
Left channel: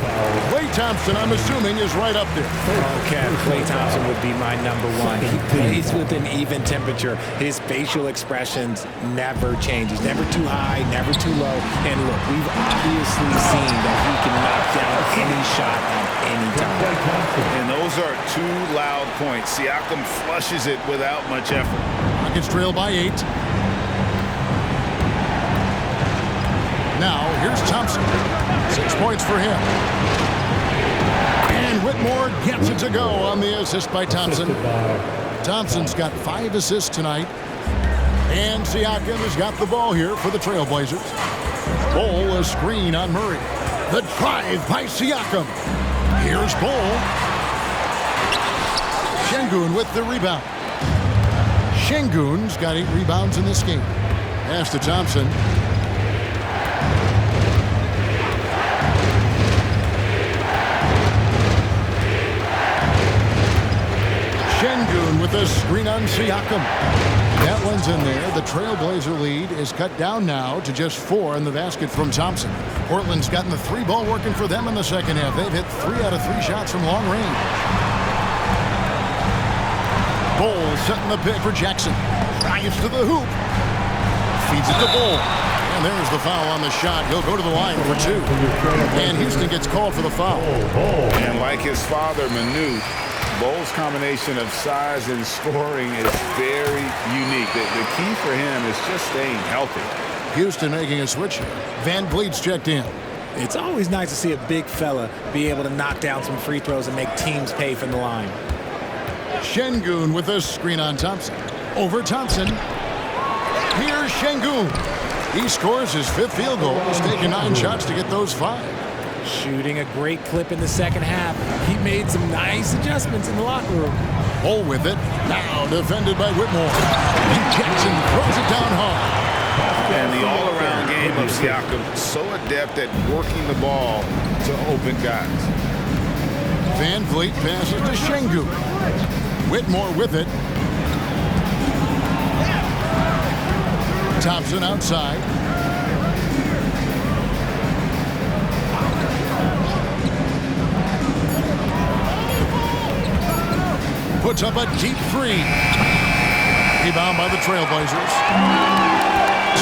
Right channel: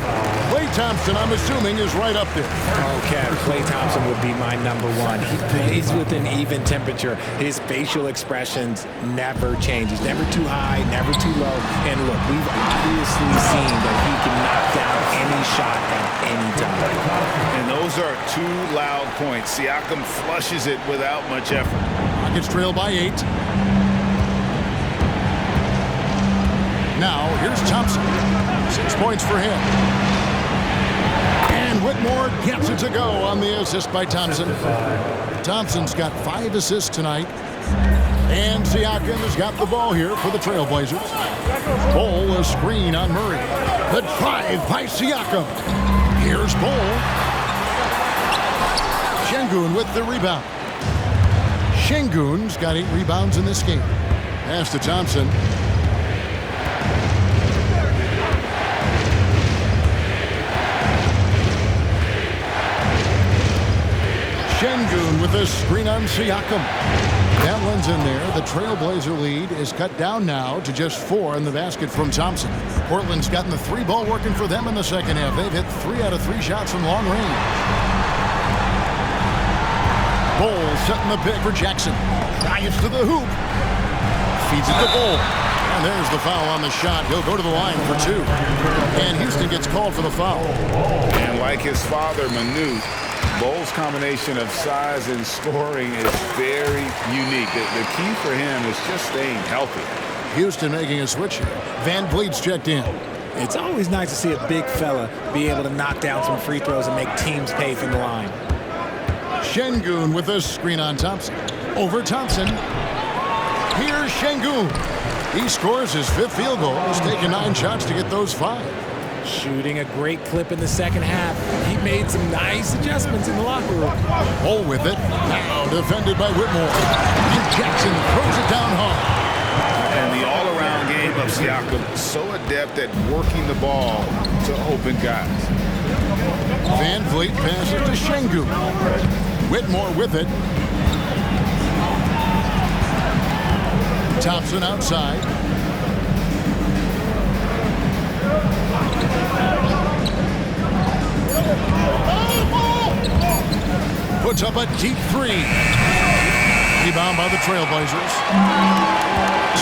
Klay Thompson, I'm assuming, is right up there. Oh, Kev, Klay Thompson would be my number one. He plays with an even temperature. His facial expressions never change. He's never too high, never too low. And look, we've obviously seen that he can knock down any shot at any time. And those are 2 loud points. Siakam flushes it without much effort. Rockets trail by 8. Now, here's Thompson. 6 points for him. And Whitmore gets it to go on the assist by Thompson. Thompson's got 5 assists tonight. And Siakam has got the ball here for the Trailblazers. Bol, a screen on Murray. The drive by Siakam. Here's Bol. Şengün with the rebound. Şengün's got 8 rebounds in this game. Pass to Thompson. Şengün with a screen on Siakam. That one's in there. The Trailblazer lead is cut down now to just 4 in the basket from Thompson. Portland's gotten the 3 ball working for them in the second half. They've hit 3 out of 3 shots from long range. Bol setting the pick for Jackson. Drives to the hoop. Feeds it to Bol. And there's the foul on the shot. He'll go to the line for 2. And Houston gets called for the foul. And like his father, Manute, Bol's combination of size and scoring is very unique. The key for him is just staying healthy. Houston making a switch here. Van Vliet's checked in. It's always nice to see a big fella be able to knock down some free throws and make teams pay from the line. Şengün with a screen on Thompson. Over Thompson. Here's Şengün. He scores his 5th field goal. He's taken 9 shots to get those 5. Shooting a great clip in the second half. He made some nice adjustments in the locker room. Bol with it. Now defended by Whitmore. And Jackson throws it down hard. And the all-around game of Siakam, so adept at working the ball to open guys. Van Vliet passes to Şengün. Whitmore with it. Thompson outside. Puts up a deep 3. Rebound by the Trailblazers.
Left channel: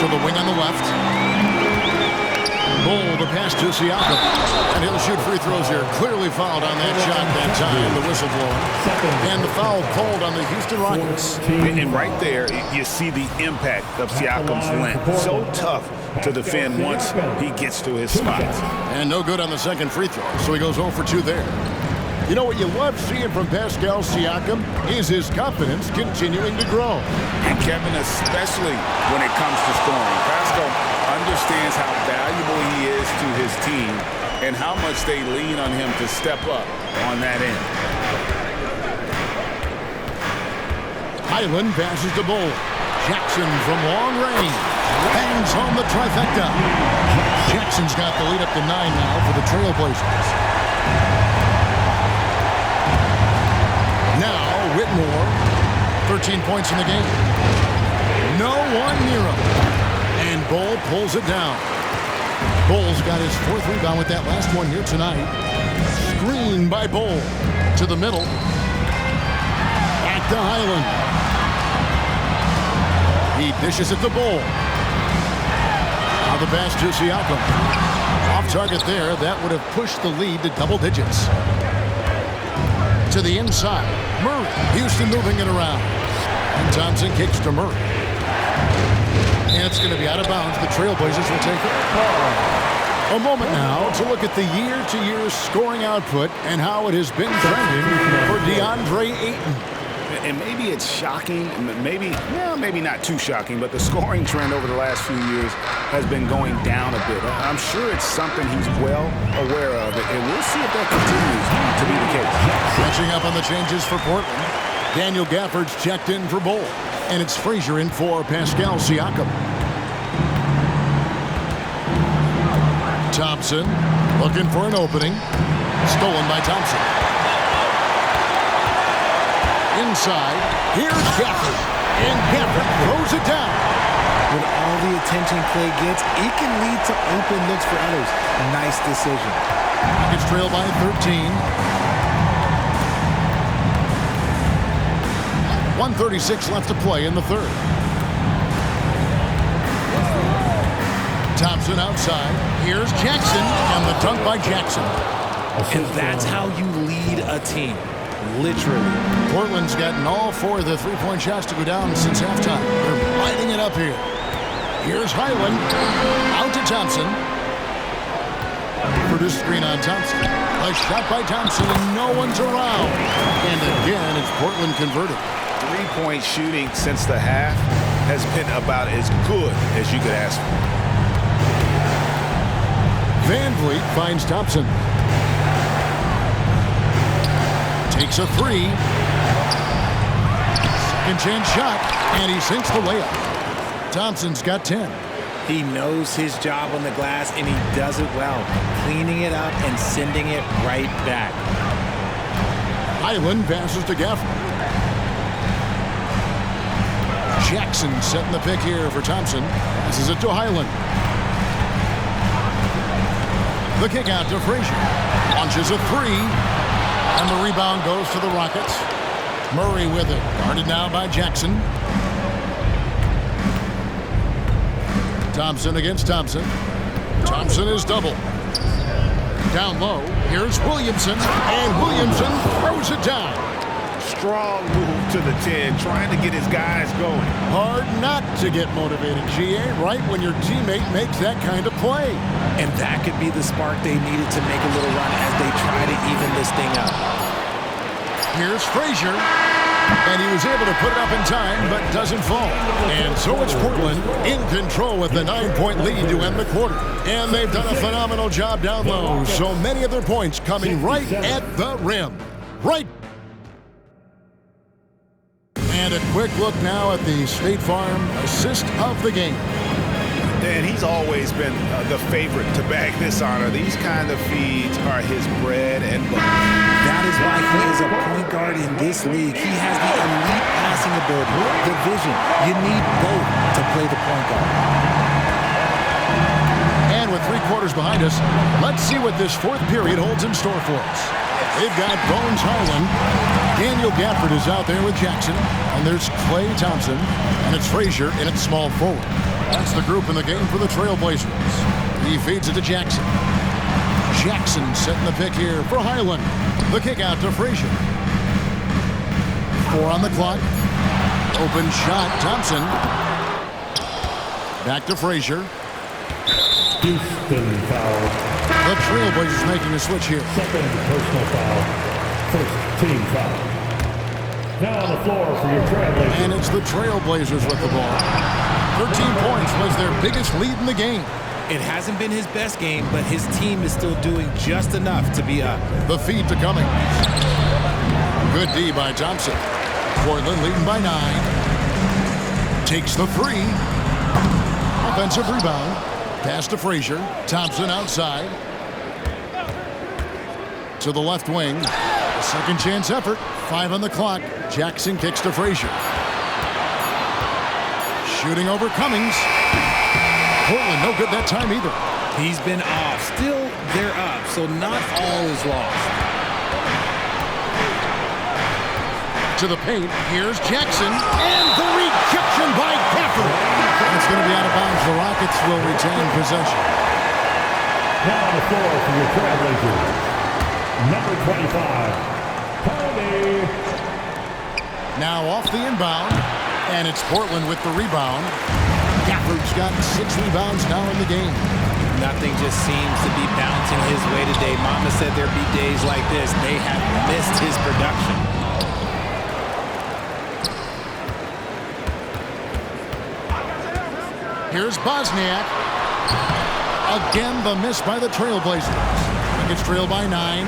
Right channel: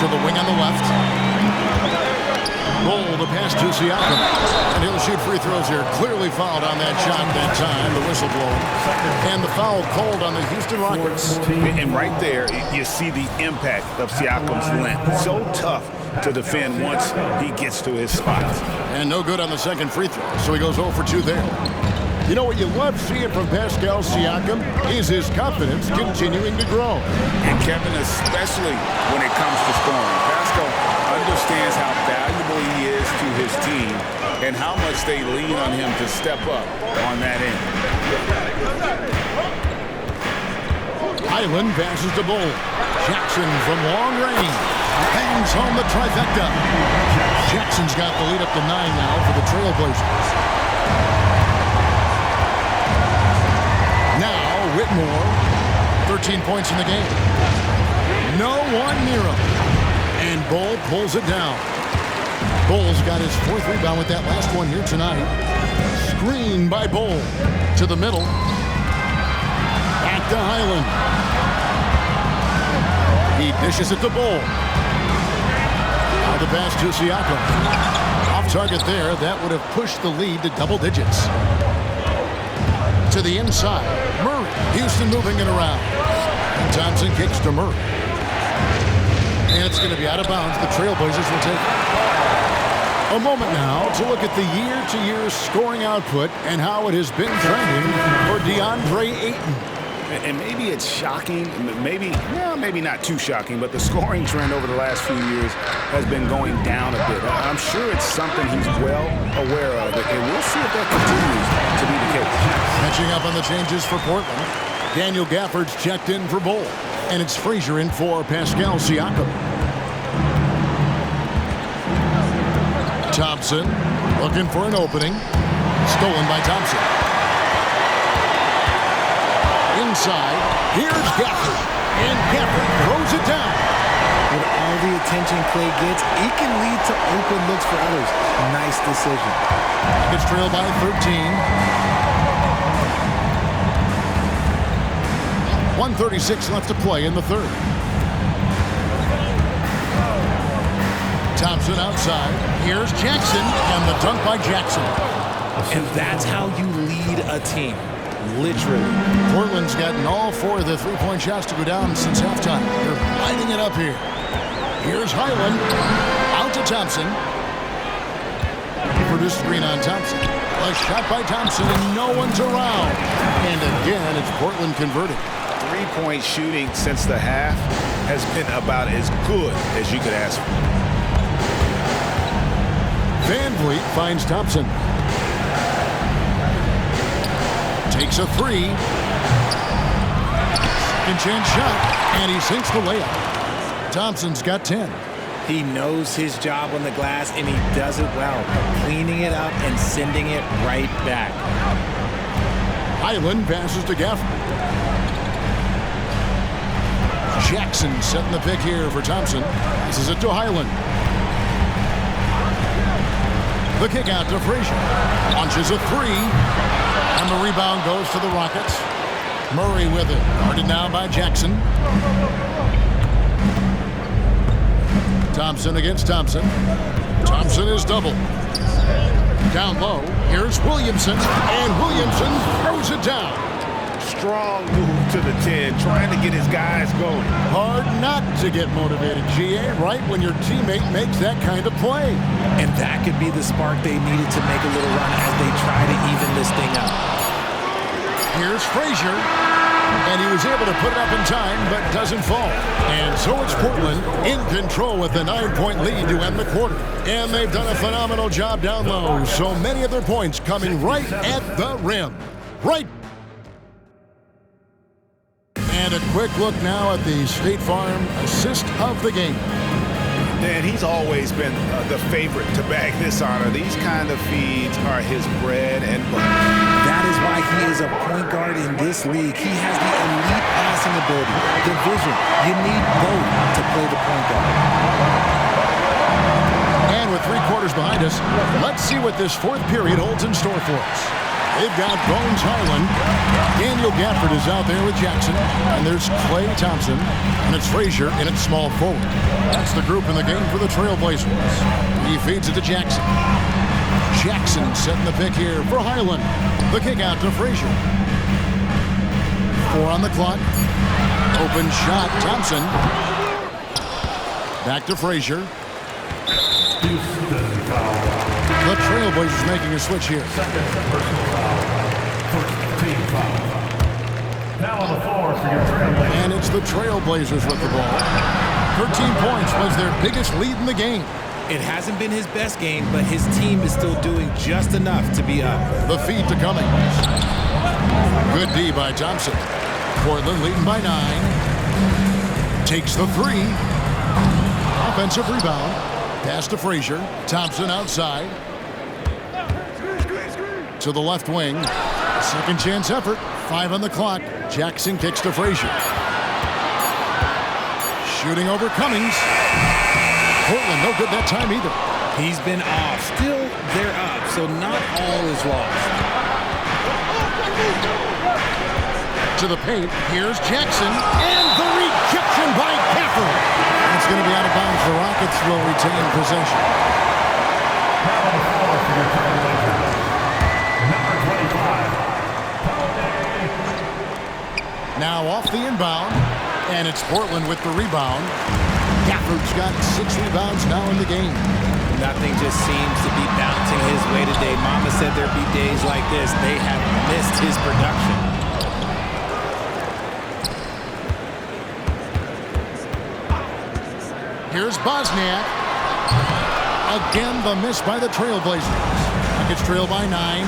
To the wing on the left. Bol the pass to Siakam. And he'll shoot free throws here. Clearly fouled on that shot that time. The whistle blowing. And the foul called on the Houston Rockets. And right there, you see the impact of Siakam's length. So tough to defend once he gets to his spots. And no good on the second free throw. So he goes 0 for 2 there. You know what you love seeing from Pascal Siakam is his confidence continuing to grow. And Kevin, especially when it comes to scoring. Pascal understands how valuable he is to his team and how much they lean on him to step up on that end. Highland passes to Bol. Jackson from long range bangs home the trifecta. Jackson's got the lead up to 9 now for the Trailblazers. Now Whitmore, 13 points in the game. No one near him. And Bol pulls it down. Bol's got his 4th rebound with that last one here tonight. Screen by Bol. To the middle. Back to Highland. He dishes it to Bol. Now the pass to Siakam. Off target there. That would have pushed the lead to double digits. To the inside. Murray. Houston moving it around. And Thompson kicks to Murray. And it's going to be out of bounds. The Trailblazers will take it. A moment now to look at the year-to-year scoring output and how it has been trending for DeAndre Ayton. And maybe it's shocking, maybe not too shocking, but the scoring trend over the last few years has been going down a bit. I'm sure it's something he's well aware of, and we'll see if that continues to be the case. Catching up on the changes for Portland. Daniel Gafford's checked in for Bol, and it's Frazier in for Pascal Siakam. Thompson looking for an opening. Stolen by Thompson. Inside, here's Gafford. And Gafford throws it down. With all the attention Clay gets, it can lead to open looks for others. Nice decision. Rockets trail by 13. 1:36 left to play in the 3rd. Thompson outside. Here's Jackson, and the dunk by Jackson. And that's how you lead a team. Literally. Portland's gotten all 4 of the 3-point shots to go down since halftime. They're lighting it up here. Here's Highland. Out to Thompson. Produced screen on Thompson. A shot by Thompson, and no one's around. And again, it's Portland converting. 3-point shooting since the half has been about as good as you could ask for. Van Vliet finds Thompson. Takes a 3. Second chance shot, and he sinks the layup. Thompson's got 10. He knows his job on the glass, and he does it well, cleaning it up and sending it right back. Highland passes to Gafford. Jackson setting the pick here for Thompson. Passes it to Highland. The kick out to Frazier. Launches a 3. And the rebound goes to the Rockets. Murray with it. Guarded now by Jackson. Thompson against Thompson. Thompson is double. Down low. Here's Williamson. And Williamson throws it down. Strong move to the 10, trying to get his guys going. Hard not to get motivated, GA, right when your teammate makes that kind of play. And that could be the spark they needed to make a little run as they try to even this thing up. Here's Frazier. And he was able to put it up in time, but doesn't fall. And so it's Portland in control with the 9-point lead to end the quarter. And they've done a phenomenal job down low. So many of their points coming right at the rim. Right. And a quick look now at the State Farm assist of the game. And he's always been the favorite to bag this honor. These kind of feeds are his bread and butter. That is why he is a point guard in this league. He has the elite passing ability, the vision. You need both to play the point guard. And with 3 quarters behind us, let's see what this 4th period holds in store for us. They've got Bones Highland. Daniel Gafford is out there with Jackson. And there's Klay Thompson. And it's Frazier in at small forward. That's the group in the game for the Trailblazers. He feeds it to Jackson. Jackson setting the pick here for Highland. The kick out to Frazier. 4 on the clock. Open shot, Thompson. Back to Frazier. Houston foul. The Trailblazers making a switch here. Second personal foul. First team foul. Now on the floor for your Trailblazers. And it's the Trailblazers with the ball. 13 points was their biggest lead in the game. It hasn't been his best game, but his team is still doing just enough to be up. The feed to Cummings. Good D by Thompson. Portland leading by 9. Takes the 3. Offensive rebound. Pass to Frazier. Thompson outside. To the left wing. A second chance effort. 5 on the clock. Jackson kicks to Frazier. Shooting over Cummings. Portland no good that time either. He's been off. Still, they're up, so not all is lost. To the paint. Here's Jackson. And the rejection by Gafford. It's going to be out of bounds. The Rockets will retain possession. Now on the floor for your Trailblazers. Number 25, Tony. Now off the inbound. And it's Portland with the rebound. Gafford's got 6 rebounds now in the game. Nothing just seems to be bouncing his way today. Mama said there'd be days like this. They have missed his production. Here's Bosniak. Again, the miss by the Trailblazers. Rockets trail by 9.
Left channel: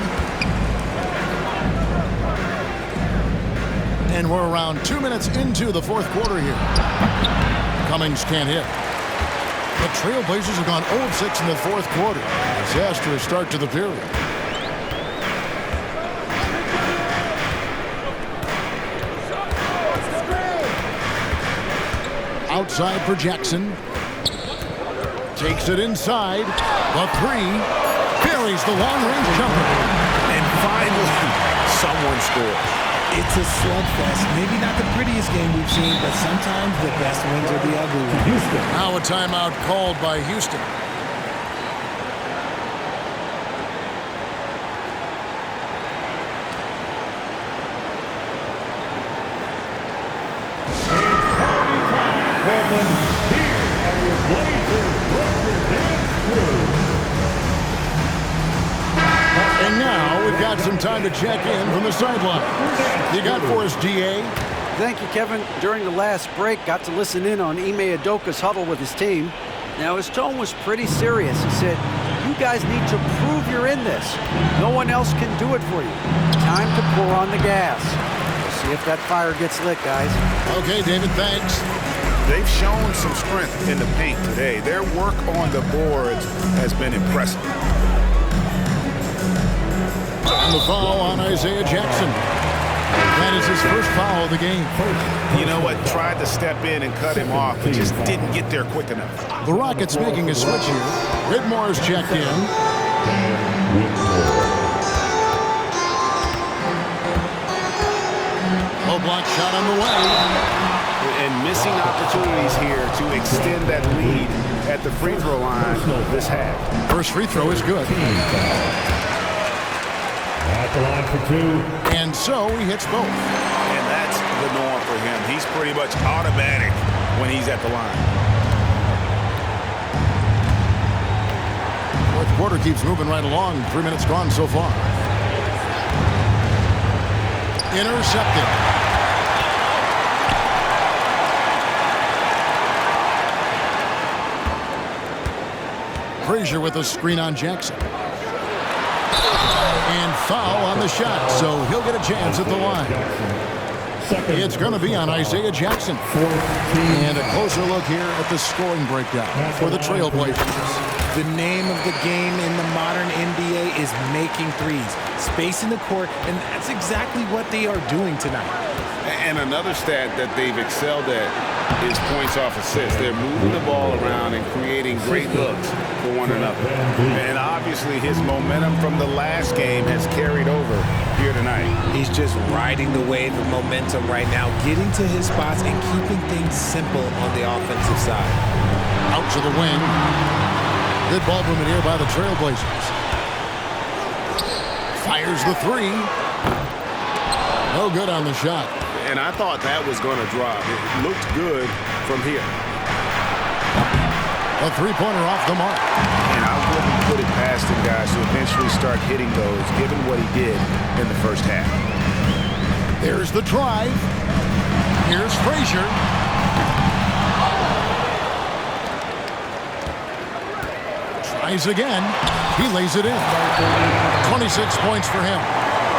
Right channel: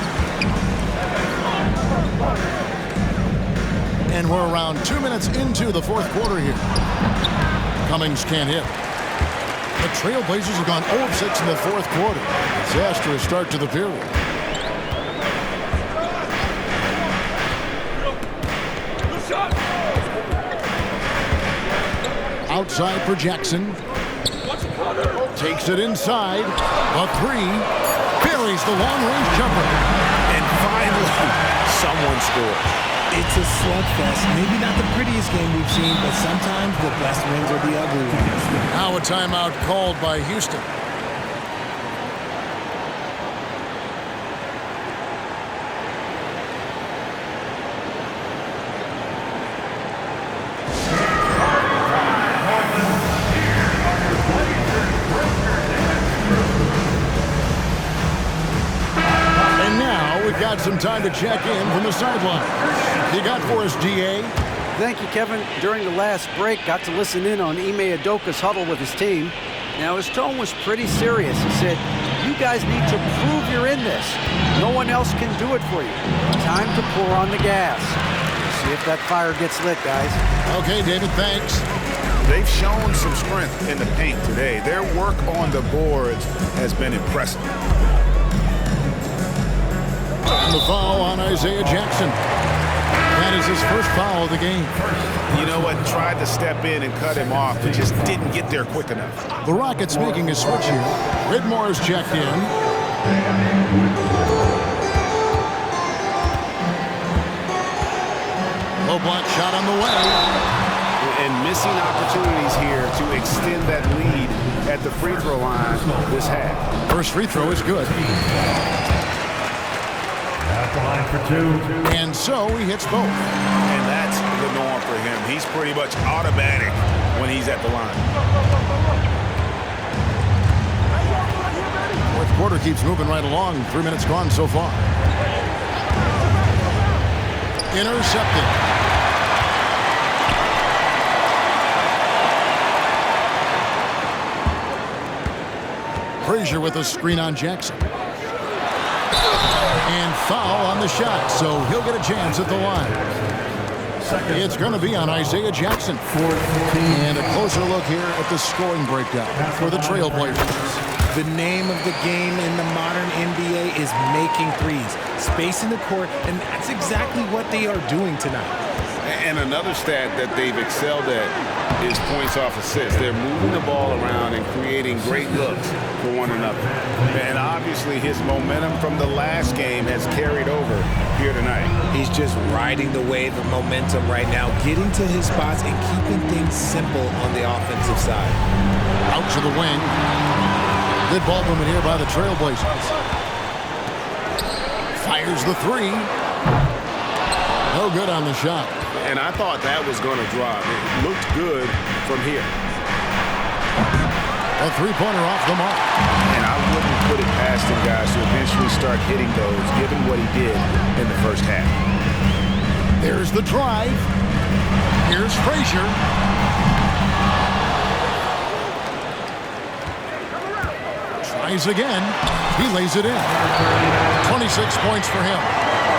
And we're around 2 minutes into the 4th quarter here. Cummings can't hit. The Trailblazers have gone 0 of 6 in the 4th quarter. Disastrous start to the period. Outside for Jackson. Takes it inside. The 3. Buries the long-range jumper. And finally, someone scores. It's a slugfest. Maybe not the prettiest game we've seen, but sometimes the best wins are the ugly ones. Now a timeout called by Houston. And now we've got some time to check in from the sideline. You got for us, DA? Thank you, Kevin. During the last break, got to listen in on Ime Udoka's huddle with his team. Now, his tone was pretty serious. He said, you guys need to prove you're in this. No one else can do it for you. Time to pour on the gas. We'll see if that fire gets lit, guys. Okay, David, thanks. They've shown some strength in the paint today. Their work on the boards has been impressive. And the foul on Isaiah Jackson. That is his first foul of the game. You know what? Tried to step in and cut him off, but just didn't get there quick enough. The Rockets making a switch here. Whitmore's checked in. Low block shot on the way. And missing opportunities here to extend that lead at the free throw line this half. First free throw is good. At the line for 2. And so he hits both. And that's the norm for him. He's pretty much automatic when he's at the line. Fourth quarter keeps moving right along. 3 minutes gone so far. Intercepted. Frazier with a screen on Jackson. And foul on the shot, so he'll get a chance at the line. It's going to be on Isaiah Jackson. And a closer look here at the scoring breakdown for the Trailblazers. The name of the game in the modern NBA is making threes, spacing the court, and that's exactly what they are doing tonight. And another stat that they've excelled at is points off assists. They're moving the ball around and creating great looks for one another. And obviously his momentum from the last game has carried over here tonight. He's just riding the wave of momentum right now, getting to his spots and keeping things simple on the offensive side. Out to the wing. Good ball movement here by the Trailblazers. Fires the three. No good on the shot. And I thought that was going to drop. It looked good from here. A three-pointer off the mark. And I wouldn't put it past him, guys, to eventually start hitting those, given what he did in the first half. There's the drive. Here's Frazier. Tries again. He lays it in. 26 points for him.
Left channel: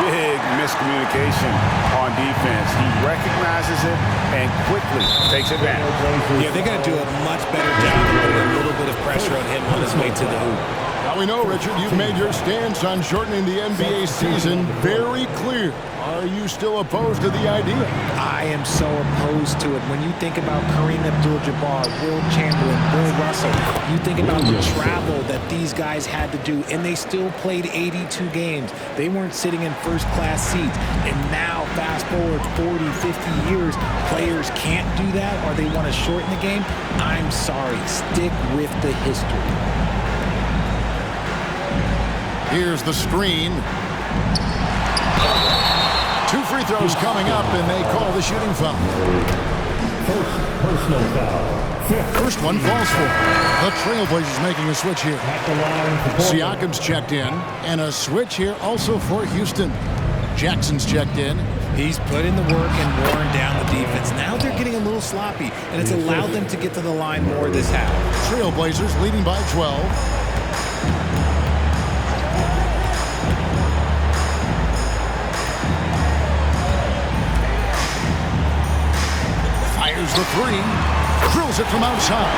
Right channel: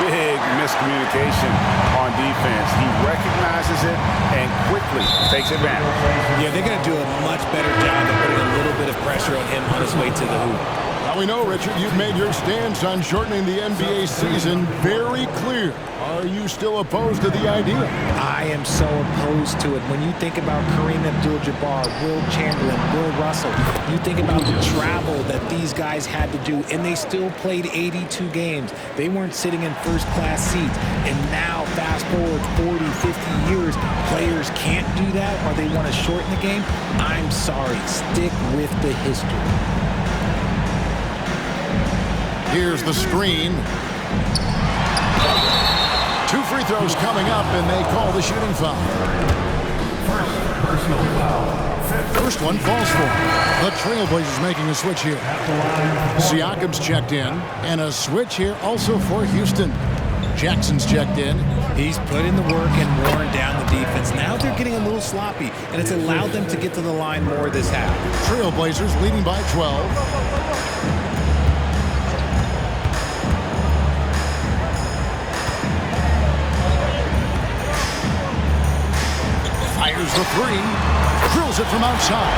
Big miscommunication on defense. He recognizes it and quickly takes advantage. Yeah, they're going to do a much better job of putting a little bit of pressure on him on his way to the hoop. Now we know, Richard, you've made your stance on shortening the NBA season very clear. Are you still opposed to the idea? I am so opposed to it. When you think about Kareem Abdul-Jabbar, Will Chamberlain, Bill Russell, you think about the travel that these guys had to do, and they still played 82 games. They weren't sitting in first-class seats. And now, fast forward 40, 50 years, players can't do that, or they want to shorten the game. I'm sorry. Stick with the history. Here's the screen. 2 free throws coming up, and they call the shooting foul. First personal foul. First one falls for the Trailblazers making a switch here. At the line for Siakam's checked in, and a switch here also for Houston. Jackson's checked in. He's put in the work and worn down the defense. Now they're getting a little sloppy, and it's allowed them to get to the line more this half. Trailblazers leading by 12. Fires the three, drills it from outside.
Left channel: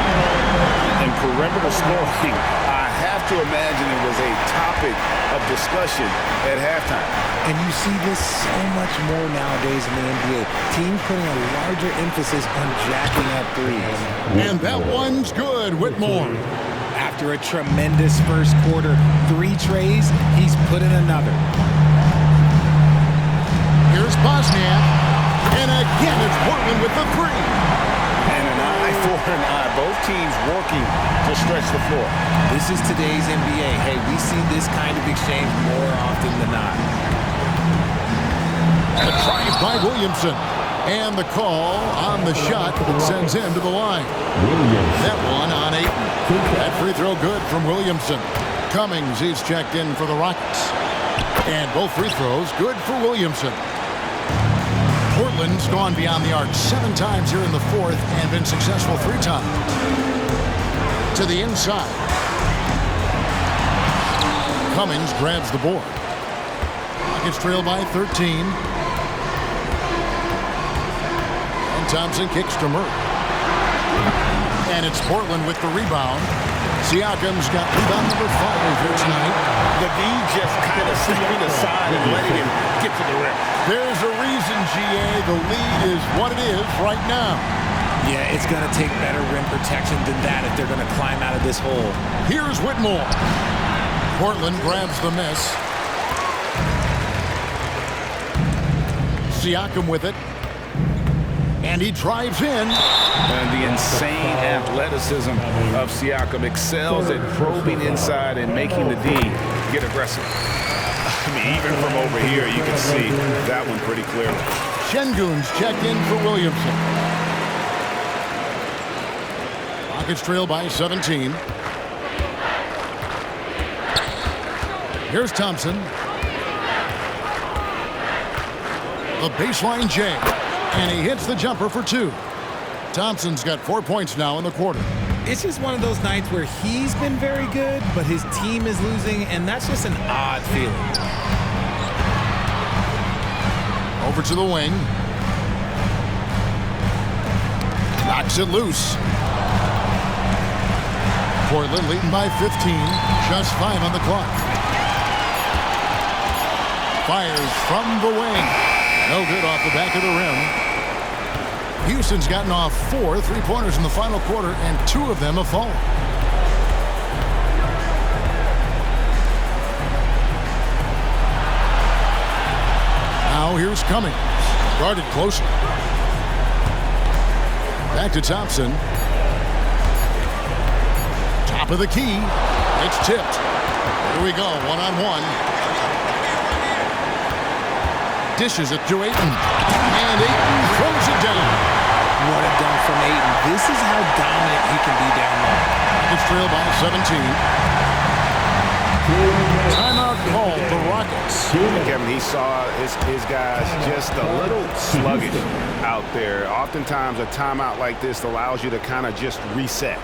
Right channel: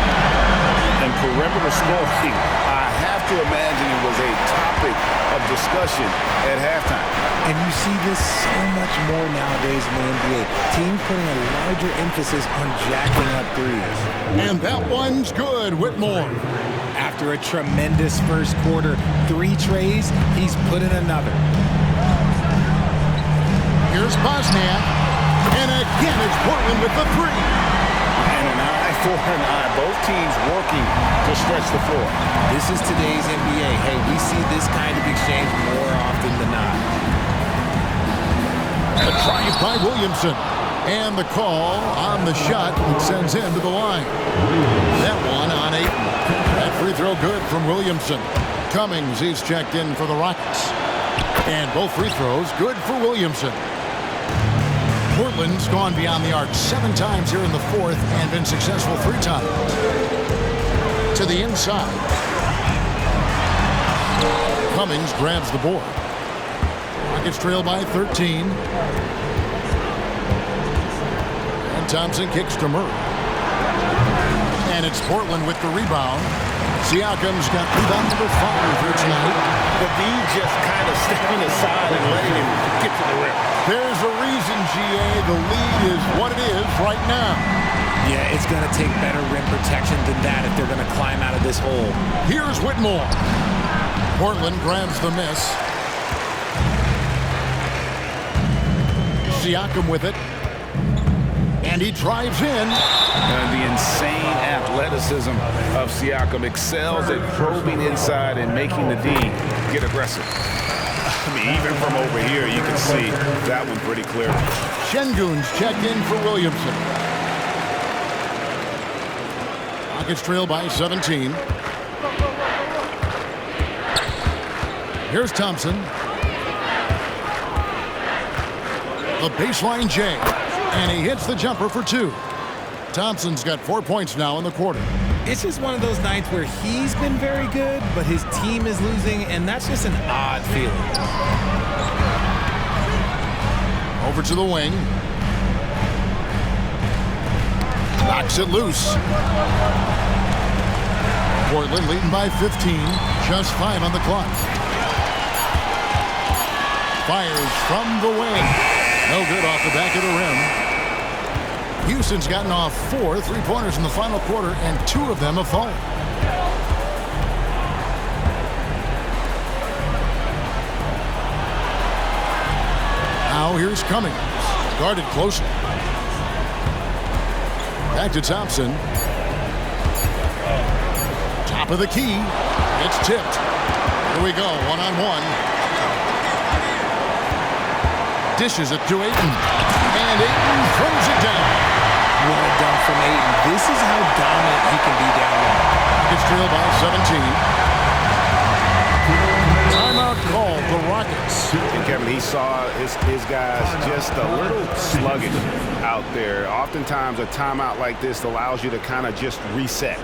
And perimeter scoring, I have to imagine it was a topic of discussion at halftime. And you see this so much more nowadays in the NBA. Teams putting a larger emphasis on jacking up threes. And that one's good, Whitmore. After a tremendous first quarter, 3 trays, he's put in another. Here's Bosniak. And again, it's Portland with the three. And an eye for an eye. Both teams working to stretch the floor. This is today's NBA. Hey, we see this kind of exchange more often than not. A drive by Williamson. And the call on the shot that sends him to the line. That one on Ayton. That free throw good from Williamson. Cummings, he's checked in for the Rockets. And both free throws good for Williamson. Portland's gone beyond the arc 7 times here in the fourth and been successful 3 times. To the inside. Cummings grabs the board. Rockets trail by 13. And Thompson kicks to Murray. And it's Portland with the rebound. Siakam's got rebound number 5 here tonight. The D just kind of stepping aside and letting him get to the rim. There's a reason, GA. The lead is what it is right now. Yeah, it's going to take better rim protection than that if they're going to climb out of this hole. Here's Whitmore. Portland grabs the miss. Siakam with it. And he drives in. And the insane athleticism of Siakam excels at probing inside and making the D get aggressive. I mean, even from over here, you can see that one pretty clearly. Şengün's checked in for Williamson. Rockets trail by 17. Here's Thompson. The baseline J. And he hits the jumper for 2. Thompson's got 4 points now in the quarter. It's just one of those nights where he's been very good, but his team is losing, and that's just an odd feeling. Over to the wing. Knocks it loose. Portland leading by 15. Just 5 on the clock. Fires from the wing. No good off the back of the rim. Houston's gotten off 4 3-pointers in the final quarter, and 2 of them have fallen. Now here's Cummings. Guarded closer. Back to Thompson. Top of the key. It's tipped. Here we go, one-on-one. Dishes it to Ayton. And Ayton throws it down. What a dunk from Ayton. This is how dominant he can be down low. Rockets trail by 17. Timeout called, the Rockets. And Kevin, he saw his guys just a little sluggish out there. Oftentimes a timeout like this allows you to kind of just reset.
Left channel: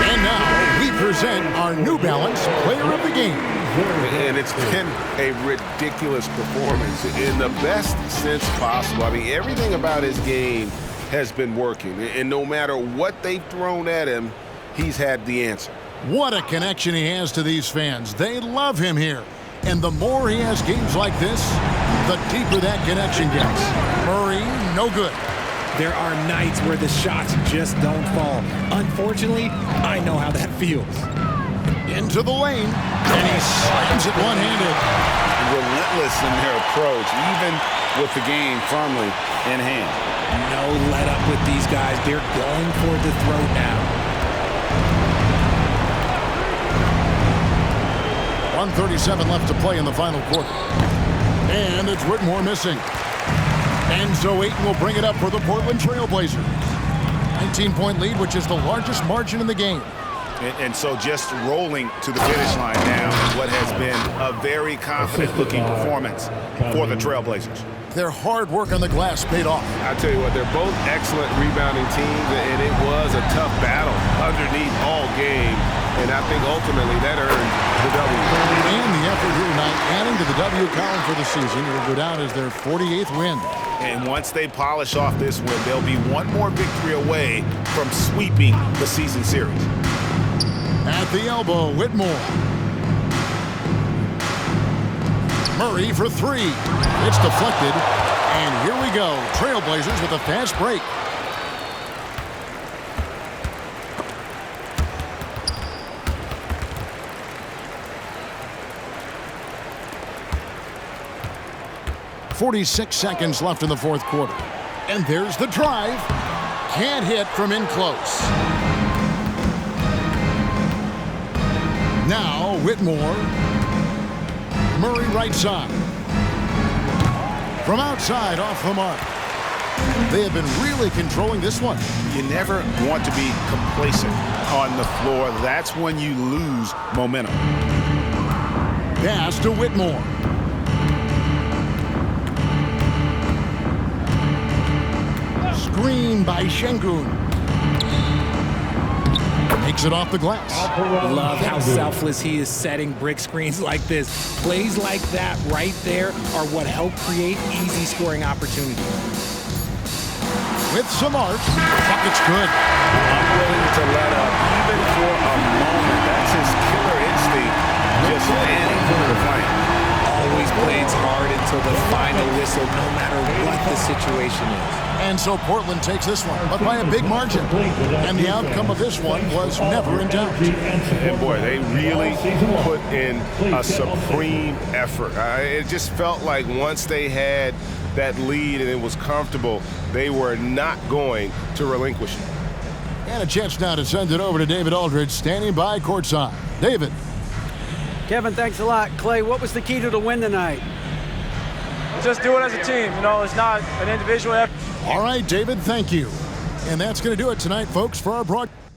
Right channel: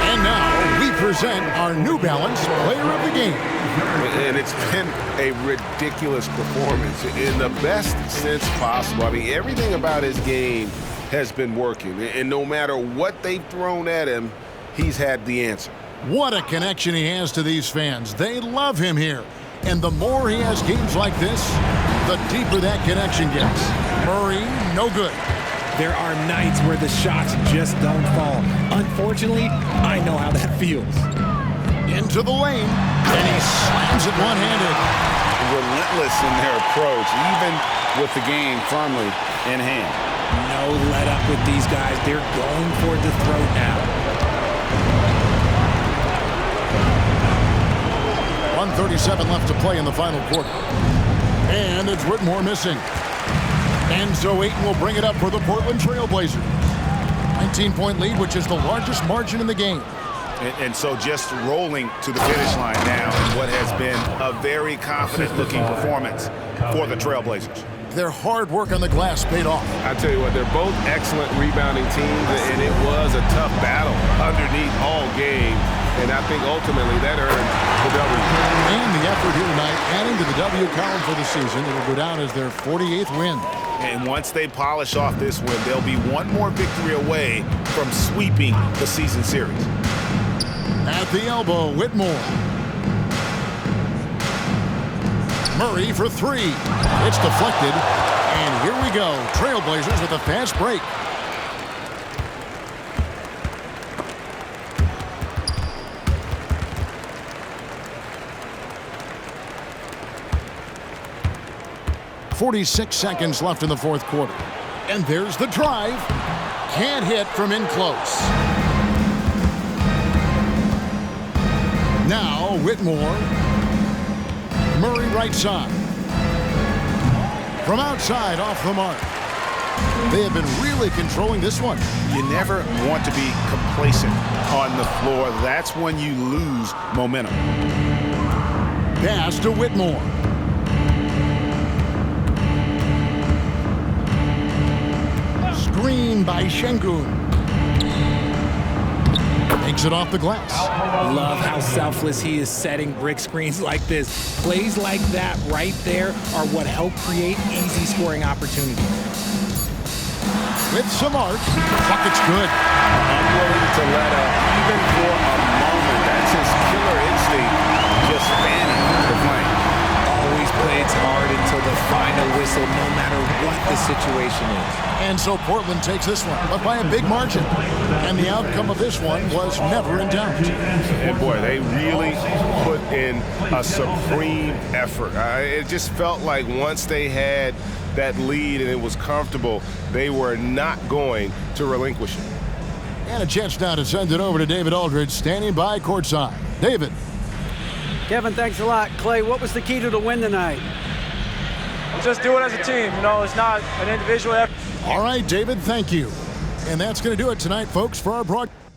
And now we present our New Balance Player of the Game. And it's been a ridiculous performance in the best sense possible. I mean, everything about his game has been working. And no matter what they've thrown at him, he's had the answer. What a connection he has to these fans. They love him here. And the more he has games like this, the deeper that connection gets. Murray, no good. There are nights where the shots just don't fall. Unfortunately, I know how that feels. Into the lane, and he slams it one-handed. Relentless in their approach, even with the game firmly in hand. No let up with these guys. They're going for the throat now. 1:37 left to play in the final quarter. And it's Whitmore missing. And so Ayton will bring it up for the Portland Trail Blazers. 19-point lead, which is the largest margin in the game. And so just rolling to the finish line now in what has been a very confident-looking performance for the Trailblazers. Their hard work on the glass paid off. I tell you what, they're both excellent rebounding teams, and it was a tough battle underneath all game. And I think ultimately that earned the W. And the effort here tonight, adding to the W column for the season. It'll go down as their 48th win. And once they polish off this win, they'll be one more victory away from sweeping the season series. At the elbow, Whitmore. Murray for 3. It's deflected. And here we go. Trailblazers with a fast break. .46 seconds left in the fourth quarter. And there's the drive. Can't hit from in close. Now Whitmore. Murray right side. From outside off the mark. They have been really controlling this one. You never want to be complacent on the floor. That's when you lose momentum. Pass to Whitmore. Screen by Şengün. Makes it off the glass. Love how selfless he is setting brick screens like this. Plays like that right there are what help create easy scoring opportunities. With some arch, bucket's good. Unwilling to let up even for a moment. That's his killer instinct, just fanning the flame. Always plays hard until the final whistle, no matter what the situation is. And so Portland takes this one, but by a big margin. And the outcome of this one was never in doubt. And boy, they really put in a supreme effort. It just felt like once they had that lead and it was comfortable, they were not going to relinquish it. And a chance now to send it over to David Aldridge, standing by courtside. David. Kevin, thanks a lot. Clay, what was the key to the win tonight? Just do it as a team. You know, it's not an individual effort. All right, David, thank you. And that's going to do it tonight, folks, for our broadcast.